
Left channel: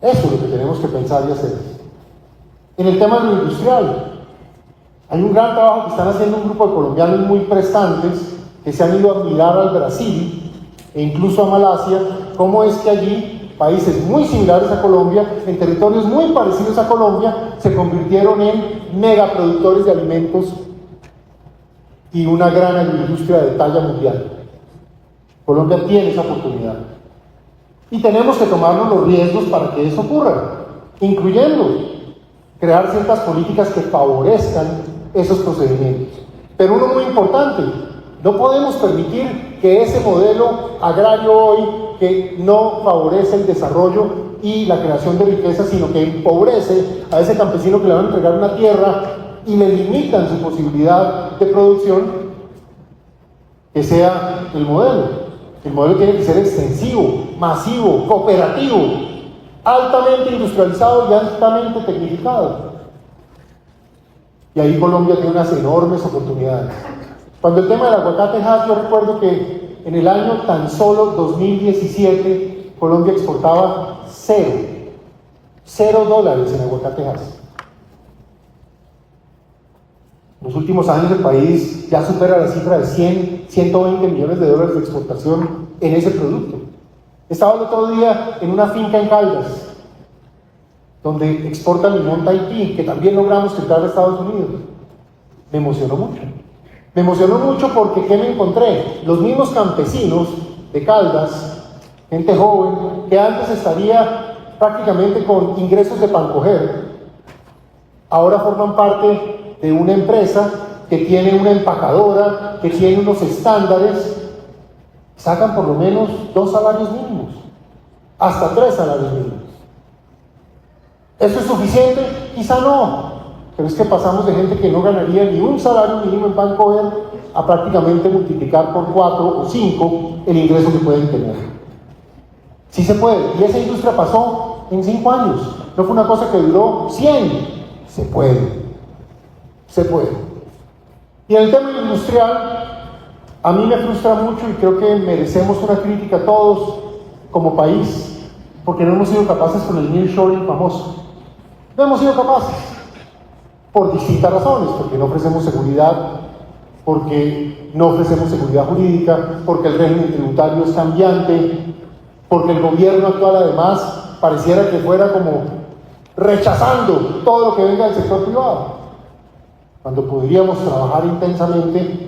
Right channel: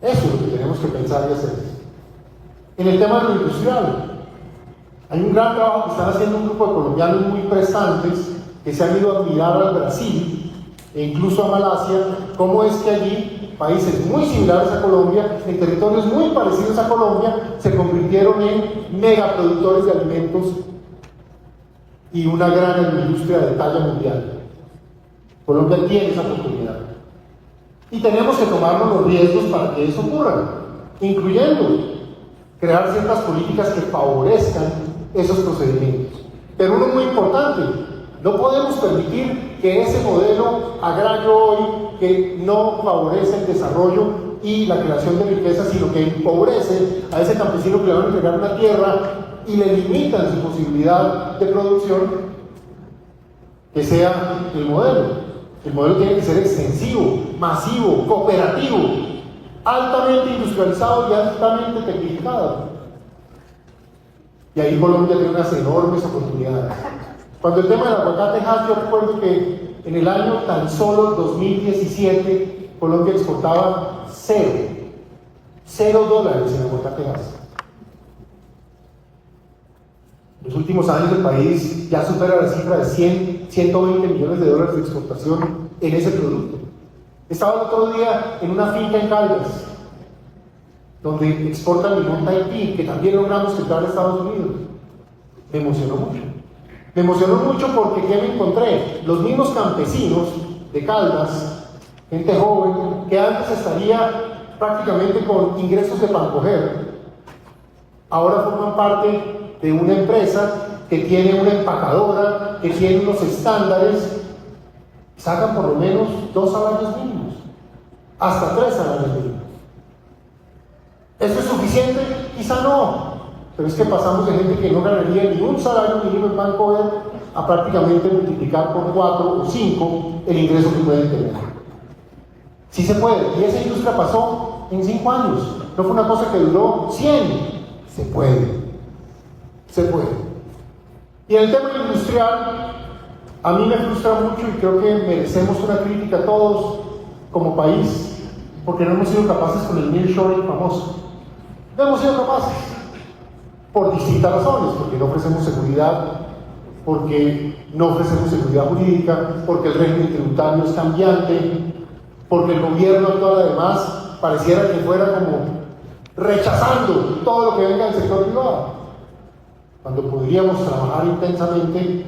Eso es lo que tenemos que pensar y hacer. En el tema de lo industrial, hay un gran trabajo que están haciendo un grupo de colombianos muy prestantes que se han ido a mirar al Brasil e incluso a Malasia, cómo es que allí países muy similares a Colombia, en territorios muy parecidos a Colombia, se convirtieron en megaproductores de alimentos y una gran agroindustria de talla mundial. Colombia tiene esa oportunidad. Y tenemos que tomarnos los riesgos para que eso ocurra, incluyendo crear ciertas políticas que favorezcan esos procedimientos. Pero uno muy importante, no podemos permitir que ese modelo agrario hoy, que no favorece el desarrollo y la creación de riqueza, sino que empobrece a ese campesino que le van a entregar una tierra y le limitan su posibilidad de producción, que sea el modelo. El modelo tiene que ser extensivo, masivo, cooperativo, altamente industrializado y altamente tecnificado. Y ahí Colombia tiene unas enormes oportunidades. Cuando el tema del aguacate Hass, yo recuerdo que en el año tan solo 2017 Colombia exportaba $0 en aguacate Hass. En los últimos años el país ya supera la cifra de 120 millones de dólares de exportación en ese producto. Estaba el otro día en una finca en Caldas, donde exportan limón Tahití, que también logramos entrar a Estados Unidos. Me emocionó mucho. Me emocionó mucho porque ¿qué me encontré? Los mismos campesinos de Caldas, gente joven, que antes estaría prácticamente con ingresos de pancoger, ahora forman parte de una empresa que tiene una empacadora, que tiene unos estándares, sacan por lo menos 2 salarios mínimos, hasta 3 salarios mínimos. ¿Eso es suficiente? Quizá no, pero es que pasamos de gente que no ganaría ni un salario mínimo en Vancouver a prácticamente multiplicar por 4 o 5 el ingreso que pueden tener. Sí se puede, y esa industria pasó en 5 años, no fue una cosa que duró 100, se puede. Se puede. Y en el tema industrial, a mí me frustra mucho y creo que merecemos una crítica todos como país, porque no hemos sido capaces con el nearshoring famoso. No hemos sido capaces, por distintas razones, porque no ofrecemos seguridad, porque no ofrecemos seguridad jurídica, porque el régimen tributario es cambiante, porque el gobierno actual además pareciera que fuera como rechazando todo lo que venga del sector privado, cuando podríamos trabajar intensamente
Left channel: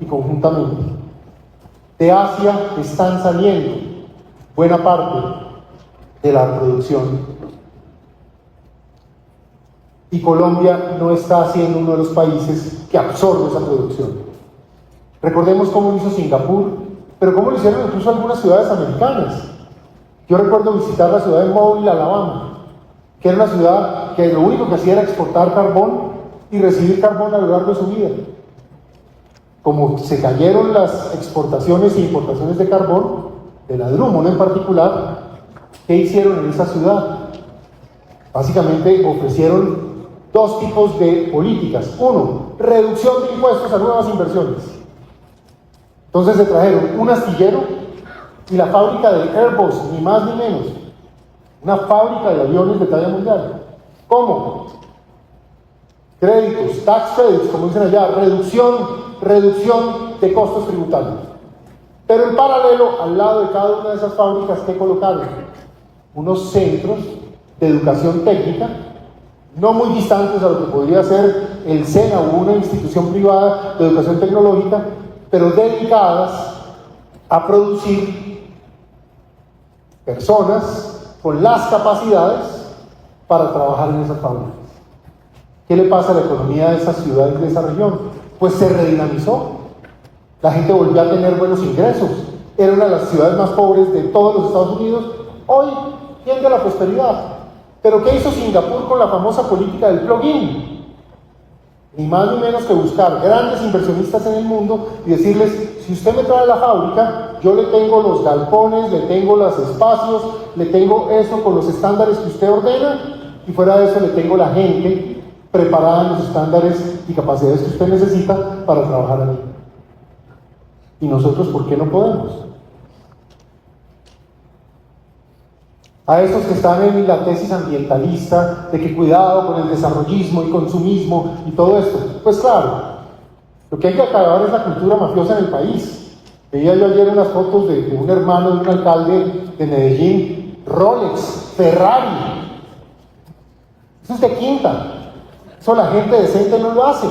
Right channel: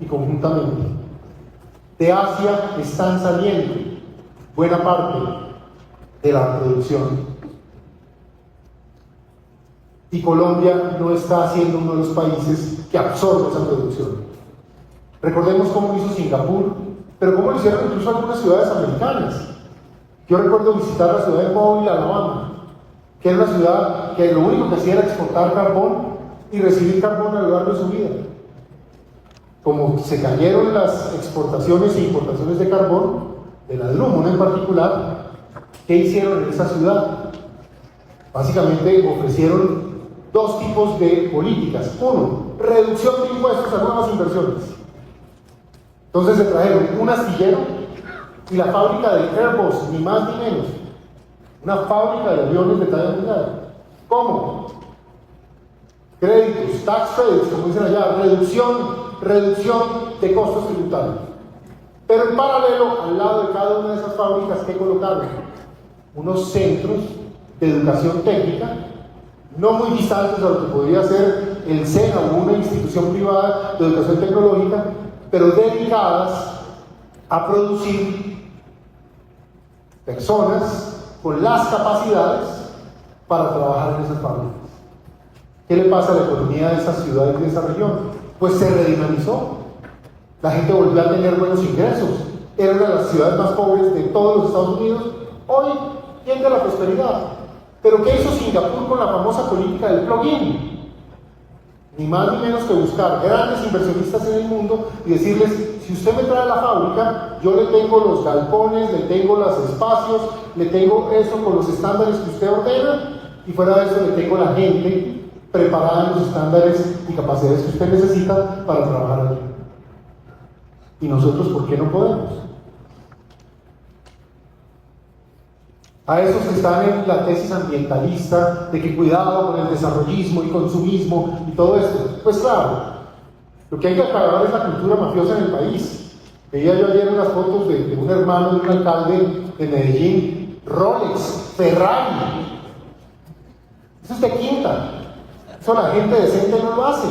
y conjuntamente. De Asia están saliendo buena parte de la producción. Y Colombia no está siendo uno de los países que absorbe esa producción. Recordemos cómo lo hizo Singapur, pero cómo lo hicieron incluso algunas ciudades americanas. Yo recuerdo visitar la ciudad de Mobile, Alabama, que era una ciudad que lo único que hacía era exportar carbón y recibir carbón a lo largo de su vida. Como se cayeron las exportaciones e importaciones de carbón, de la Drummond en particular, ¿qué hicieron en esa ciudad? Básicamente ofrecieron 2 tipos de políticas. Uno, reducción de impuestos a nuevas inversiones. Entonces se trajeron un astillero y la fábrica de Airbus, ni más ni menos. Una fábrica de aviones de talla mundial. ¿Cómo? Créditos, tax credits, como dicen allá, reducción de costos tributarios. Pero en paralelo, al lado de cada una de esas fábricas, ¿qué colocaron? Unos centros de educación técnica, no muy distantes a lo que podría ser el SENA o una institución privada de educación tecnológica, pero dedicadas a producir personas con las capacidades para trabajar en esas fábricas. ¿Qué le pasa a la economía de esas ciudades y de esa región? Pues se redinamizó. La gente volvió a tener buenos ingresos. Era una de las ciudades más pobres de todos los Estados Unidos. Hoy tiende la prosperidad. Pero ¿qué hizo Singapur con la famosa política del plug-in? Ni más ni menos que buscar grandes inversionistas en el mundo y decirles, si usted me trae la fábrica, yo le tengo los galpones, le tengo los espacios, le tengo eso con los estándares que usted ordena, y fuera de eso le tengo la gente preparada en los estándares y capacidades que usted necesita para trabajar ahí. ¿Y nosotros por qué no podemos? A esos que están en la tesis ambientalista de que cuidado con el desarrollismo y consumismo y todo esto, pues claro, lo que hay que acabar es la cultura mafiosa en el país. Veía yo ayer unas fotos de un hermano de un alcalde de Medellín, Rolex, Ferrari. Eso es de quinta. Eso la gente decente no lo hace.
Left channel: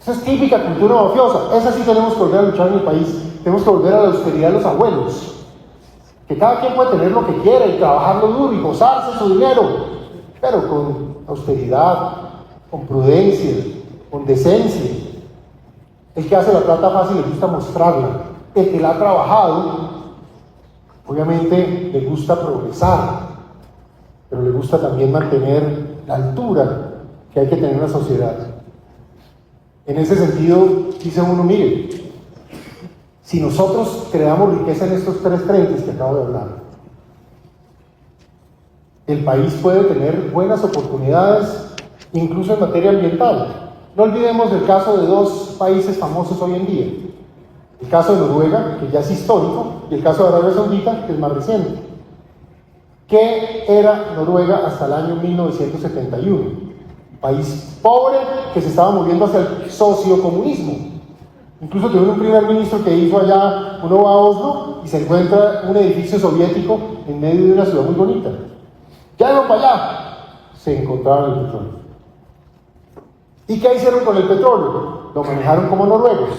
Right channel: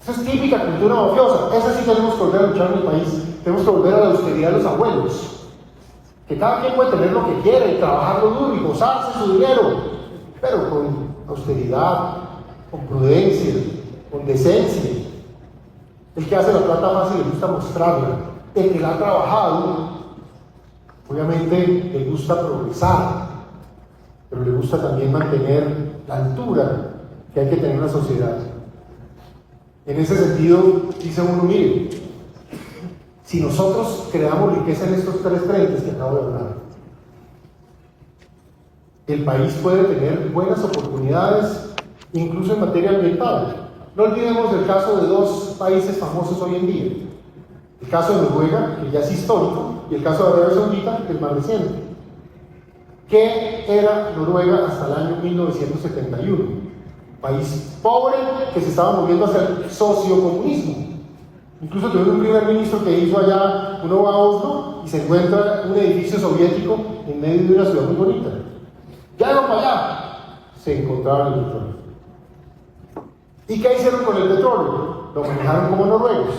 Eso es típica cultura mafiosa. Esa sí tenemos que volver a luchar en el país. Tenemos que volver a la austeridad de los abuelos. Que cada quien puede tener lo que quiere, trabajarlo duro y gozarse su dinero, pero con austeridad, con prudencia, con decencia. El que hace la plata fácil le gusta mostrarla. El que la ha trabajado, obviamente le gusta progresar, pero le gusta también mantener la altura que hay que tener en la sociedad. En ese sentido, dice uno, mire, si nosotros creamos riqueza en estos 3 frentes que acabo de hablar, el país puede tener buenas oportunidades, incluso en materia ambiental. No olvidemos el caso de dos países famosos hoy en día. El caso de Noruega, que ya es histórico, y el caso de Arabia Saudita, que es más reciente. ¿Qué era Noruega hasta el año 1971? País pobre que se estaba moviendo hacia el sociocomunismo. Incluso tuvo un primer ministro que hizo allá, uno va a Oslo y se encuentra un edificio soviético en medio de una ciudad muy bonita. Ya no para allá, se encontraba el petróleo. ¿Y qué hicieron con el petróleo? Lo manejaron como noruegos,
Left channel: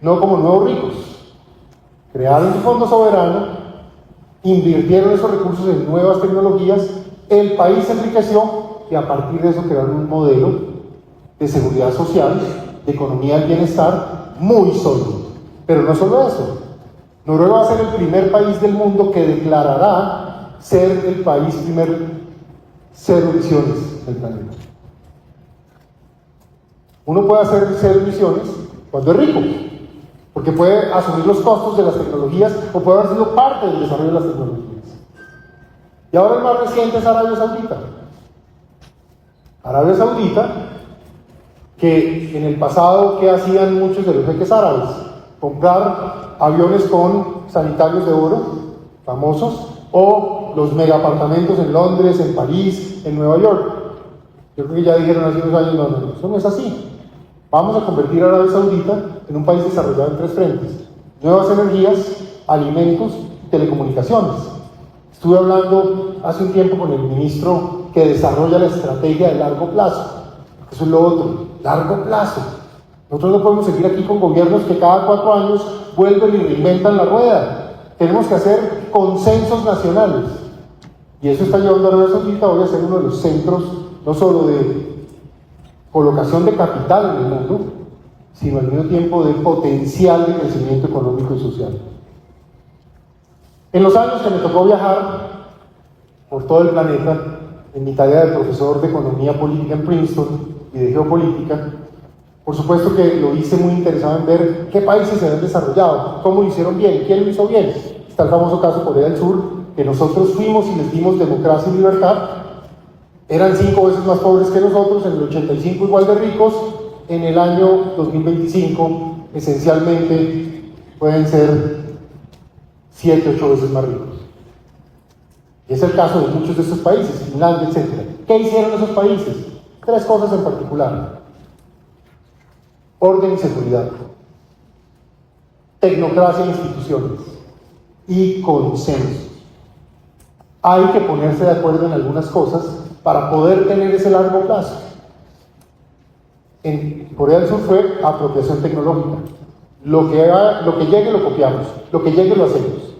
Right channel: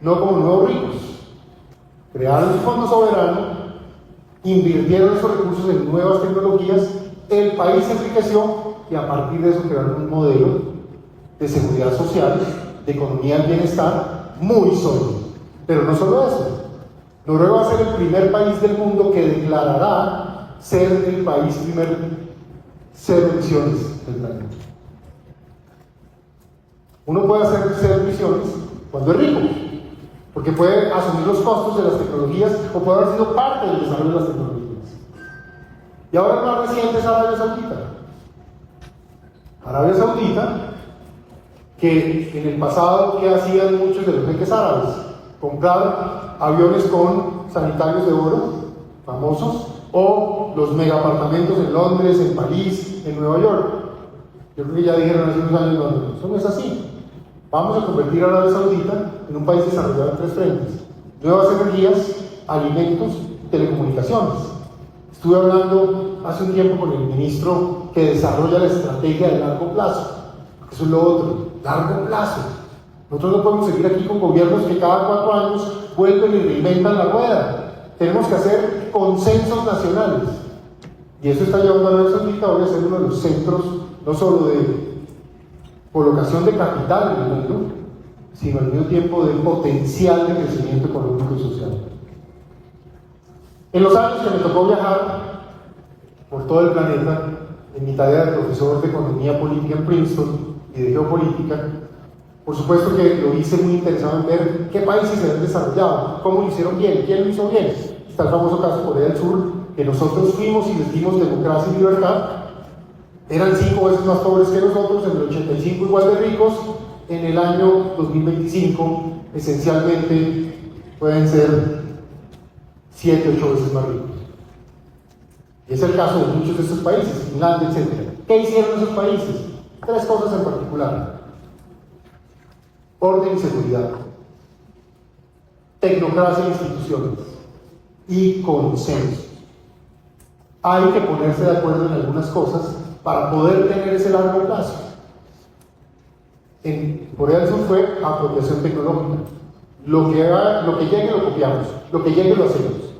no como nuevos ricos. Crearon un fondo soberano, invirtieron esos recursos en nuevas tecnologías, el país se enriqueció y a partir de eso crearon un modelo de seguridad social, de economía del bienestar muy sólido. Pero no solo eso, Noruega va a ser el primer país del mundo que declarará ser el país primero cero emisiones del planeta. Uno puede hacer cero emisiones cuando es rico, porque puede asumir los costos de las tecnologías o puede haber sido parte del desarrollo de las tecnologías. Y ahora el más reciente es Arabia Saudita. Arabia Saudita, que en el pasado, ¿qué hacían muchos de los jeques árabes? Comprar aviones con sanitarios de oro, famosos, o los megapartamentos en Londres, en París, en Nueva York. Yo creo que ya dijeron hace unos años, no, eso no es así. Vamos a convertir a Arabia Saudita en un país desarrollado en tres frentes: nuevas energías, alimentos y telecomunicaciones. Estuve hablando hace un tiempo con el ministro que desarrolla la estrategia de largo plazo. Eso es lo otro, largo plazo. Nosotros no podemos seguir aquí con gobiernos que cada 4 años vuelven y reinventan la rueda. Tenemos que hacer consensos nacionales. Y eso está llevando a Arabia Saudita hoy a ser uno de los centros, no solo de colocación de capital en el mundo, sino al mismo tiempo de potencial de crecimiento económico y social. En los años que me tocó viajar por todo el planeta, en mi tarea de profesor de Economía Política en Princeton y de Geopolítica, por supuesto que lo hice muy interesado en ver qué países se han desarrollado, cómo lo hicieron bien, quién lo hizo bien. Está el famoso caso de Corea del Sur, que nosotros fuimos y les dimos democracia y libertad. Eran 5 veces más pobres que nosotros, en el 85 igual de ricos, en el año 2025 esencialmente pueden ser 7, 8 veces más ricos. Y es el caso de muchos de estos países, Finlandia, etc. ¿Qué hicieron esos países? 3 cosas en particular: orden y seguridad, tecnocracia e instituciones, y consenso. Hay que ponerse de acuerdo en algunas cosas para poder tener ese largo plazo. En Corea del Sur fue apropiación tecnológica. Lo que llegue lo copiamos, lo que llegue lo hacemos.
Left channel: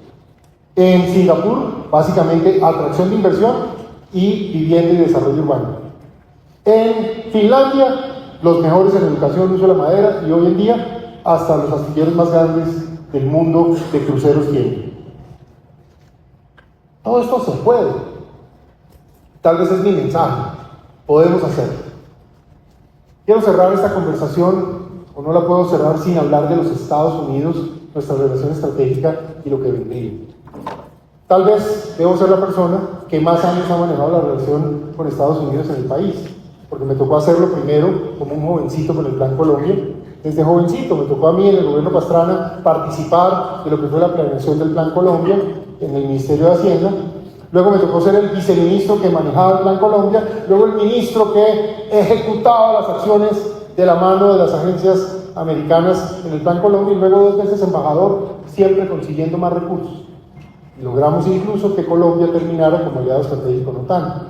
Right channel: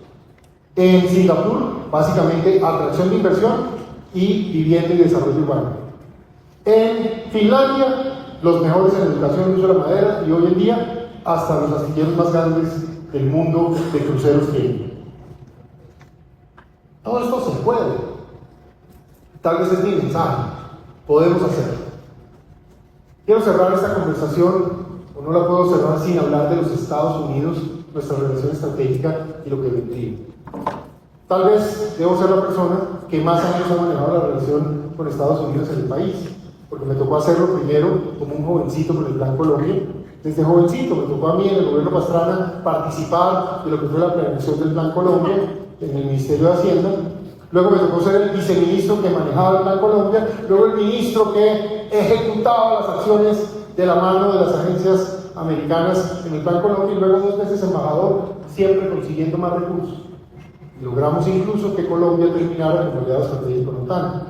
En Singapur, básicamente atracción de inversión y vivienda y desarrollo urbano. En Finlandia, los mejores en educación, uso de la madera, y hoy en día hasta los astilleros más grandes del mundo de cruceros tienen. Todo esto se puede. Tal vez es mi mensaje. Podemos hacerlo. Quiero cerrar esta conversación, o no la puedo cerrar sin hablar de los Estados Unidos, nuestra relación estratégica y lo que vendría. Tal vez debo ser la persona que más años ha manejado la relación con Estados Unidos en el país, porque me tocó hacerlo primero como un jovencito con el Plan Colombia. Desde jovencito me tocó a mí en el gobierno Pastrana participar de lo que fue la planeación del Plan Colombia en el Ministerio de Hacienda. Luego me tocó ser el viceministro que manejaba el Plan Colombia, luego el ministro que ejecutaba las acciones de la mano de las agencias americanas en el Plan Colombia, y luego 2 veces embajador, siempre consiguiendo más recursos. Y logramos incluso que Colombia terminara como aliado estratégico en OTAN.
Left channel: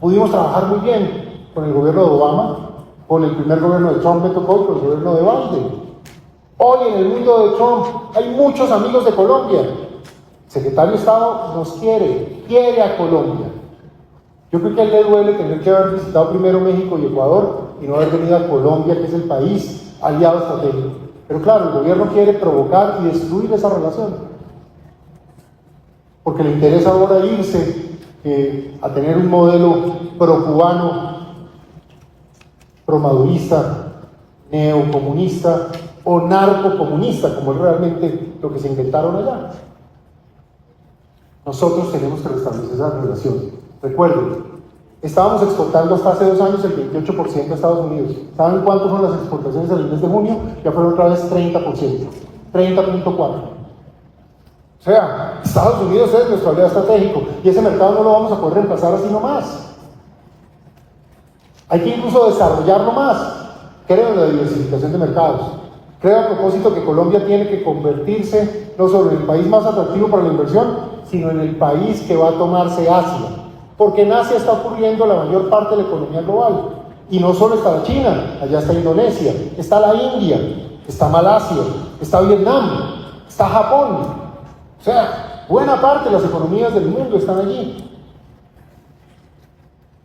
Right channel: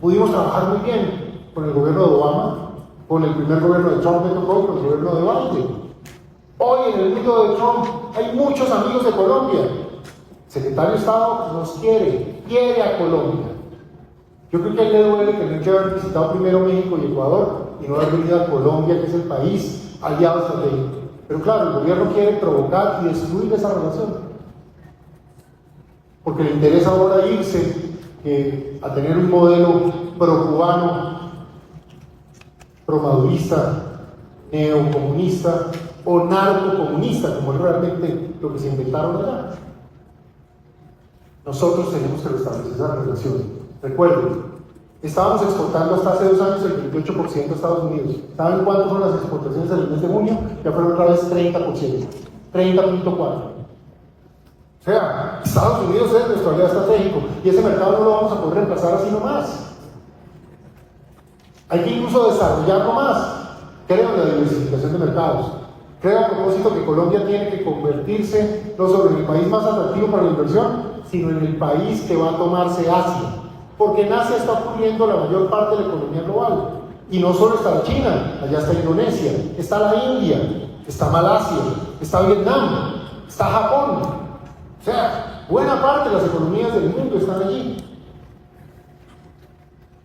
Pudimos trabajar muy bien con el gobierno de Obama, con el primer gobierno de Trump me tocó, con el gobierno de Biden. Hoy en el mundo de Trump hay muchos amigos de Colombia. El secretario de Estado nos quiere a Colombia. Yo creo que a él le duele tener que haber visitado primero México y Ecuador y no haber venido a Colombia, que es el país aliado estratégico. Pero claro, el gobierno quiere provocar y destruir esa relación, porque le interesa ahora irse a tener un modelo pro-cubano, pro-madurista, neocomunista o narcocomunista, como es realmente lo que se inventaron allá. nosotros tenemos que restablecer esa migración. Recuerden, estábamos exportando hasta hace 2 años el 28% a Estados Unidos. ¿Saben cuántas son las exportaciones del mes de junio? Ya fueron otra vez 30%, 30.4%. O sea, Estados Unidos es nuestro aliado estratégico y ese mercado no lo vamos a poder reemplazar así nomás. Hay que incluso desarrollarlo más. Creo en la diversificación de mercados. Creo a propósito que Colombia tiene que convertirse no solo en el país más atractivo para la inversión, sino en el país que va a tomarse Asia. Porque en Asia está ocurriendo la mayor parte de la economía global. Y no solo está China, allá está Indonesia, está la India, está Malasia, está Vietnam, está Japón. O sea, buena parte de las economías del mundo están allí.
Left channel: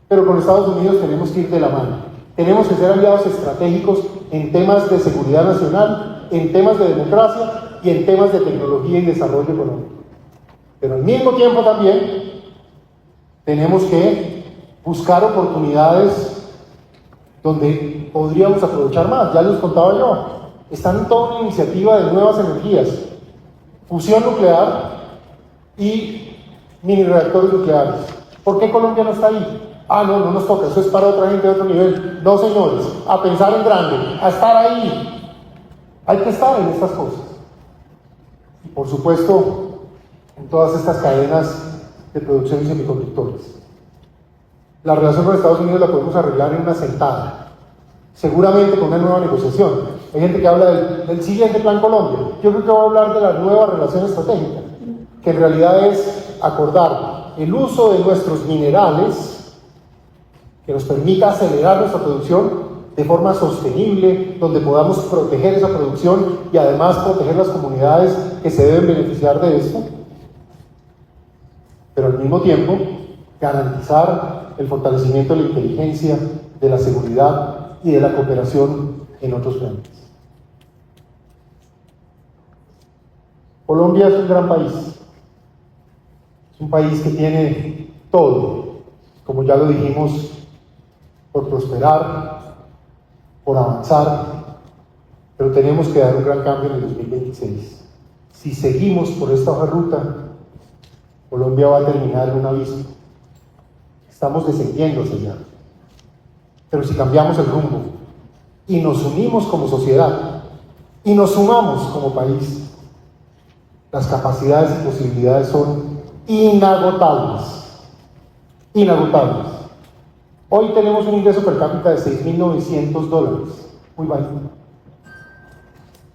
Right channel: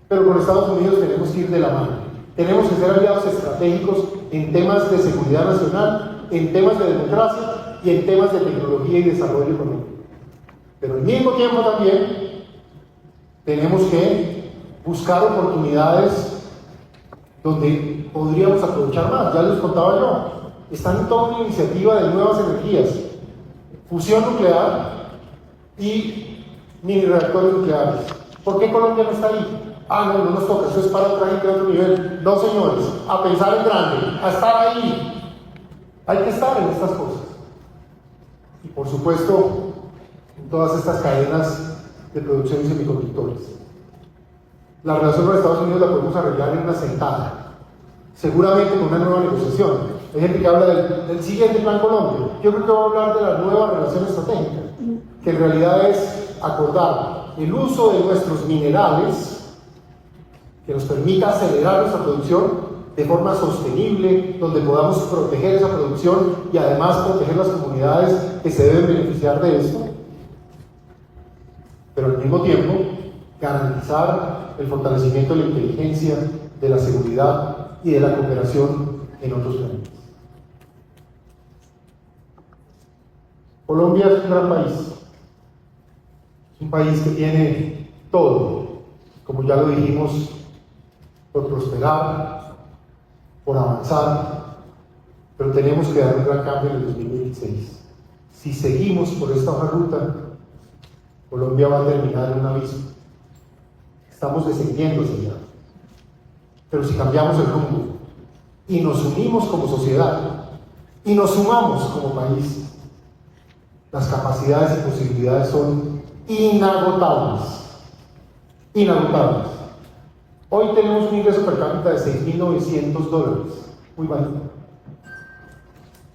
Pero con Estados Unidos tenemos que ir de la mano. Tenemos que ser aliados estratégicos en temas de seguridad nacional, en temas de democracia y en temas de tecnología y desarrollo económico. Pero al mismo tiempo también tenemos que buscar oportunidades donde podríamos aprovechar más. Ya les contaba yo, están en toda una iniciativa de nuevas energías, fusión nuclear y mini reactores nucleares. ¿Por qué Colombia no está ahí? No nos toca, eso es para otra gente de otro nivel. No, señores, a pensar en grande, a estar ahí. Hay que estar en estas cosas. Y por supuesto, en todas estas cadenas de producción de semiconductores. La relación con Estados Unidos la podemos arreglar en una sentada, seguramente con una nueva negociación. Hay gente que habla del siguiente Plan Colombia. Yo creo que va a hablar de la nueva relación estratégica, que en realidad es acordar el uso de nuestros minerales que nos permita acelerar nuestra producción de forma sostenible, donde podamos proteger esa producción y además proteger las comunidades que se deben beneficiar de esto, pero al mismo tiempo garantizar el fortalecimiento de la inteligencia, de la seguridad y de la cooperación en otros frentes. Colombia es un gran país, es un país que tiene todo, como ya lo dijimos, por prosperar, por avanzar, pero tenemos que dar un gran cambio en el 2026. Si seguimos por esta ruta, Colombia va a terminar en un abismo. Estamos descendiendo hacia allá. Pero si cambiamos el rumbo y nos unimos como sociedad y nos sumamos como país, las capacidades y posibilidades son inagotables. Inagotables. Hoy tenemos un ingreso per cápita de $6.900, muy bajo.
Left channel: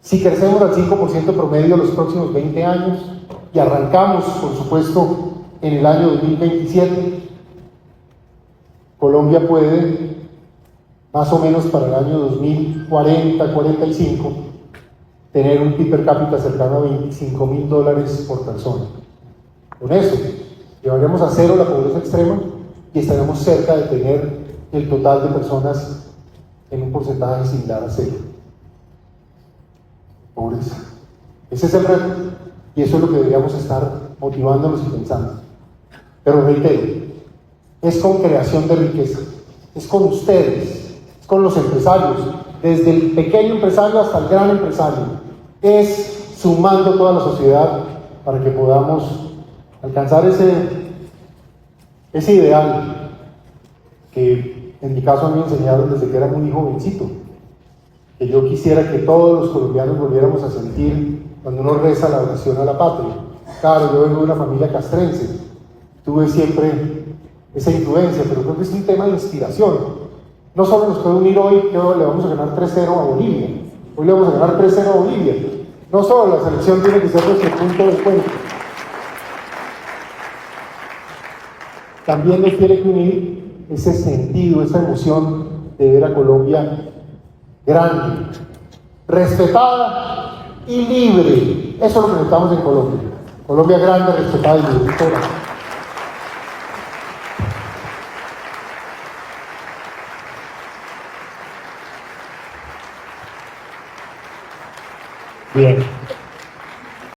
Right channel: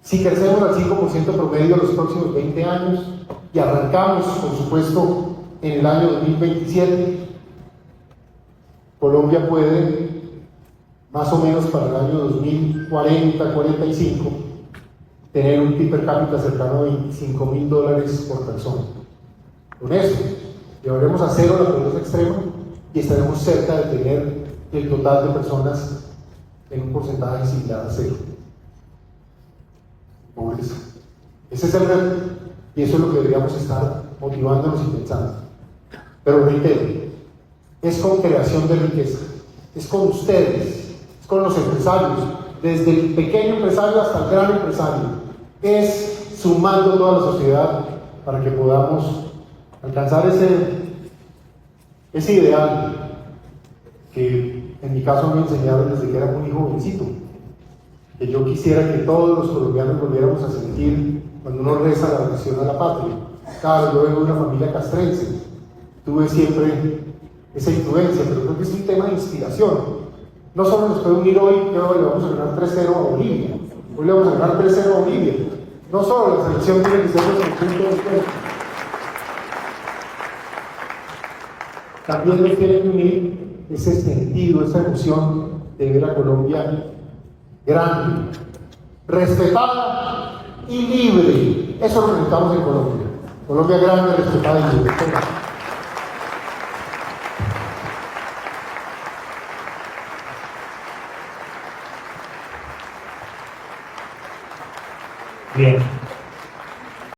Si crecemos al 5% promedio los próximos 20 años y arrancamos, por supuesto, en el año 2027, Colombia puede, más o menos para el año 2040-45, tener un PIB per cápita cercano a $25.000 por persona. Con eso, llevaremos a cero la pobreza extrema y estaremos cerca de tener el total de personas en un porcentaje similar a cero. Pobreza. Ese es el reto y eso es lo que deberíamos estar motivándonos y pensando. Pero reitero, es con creación de riqueza, es con ustedes, es con los empresarios, desde el pequeño empresario hasta el gran empresario, es sumando toda la sociedad para que podamos alcanzar ese ideal que en mi caso me enseñaron desde que era muy jovencito, que yo quisiera que todos los colombianos volviéramos a sentir cuando uno reza la oración a la patria. Claro, yo vengo de una familia castrense, tuve siempre esa influencia, pero creo que es un tema de inspiración. No solo nos puede unir hoy que ahora le vamos a ganar 3-0 a Bolivia, hoy le vamos a ganar 3-0 a Bolivia. No solo la selección tiene que ser nuestro punto de encuentro, también nos tiene que unir ese sentido, esa emoción de ver a Colombia grande, respetada y libre. Eso es lo que necesitamos en Colombia. Colombia grande, respetada y libre. Bien.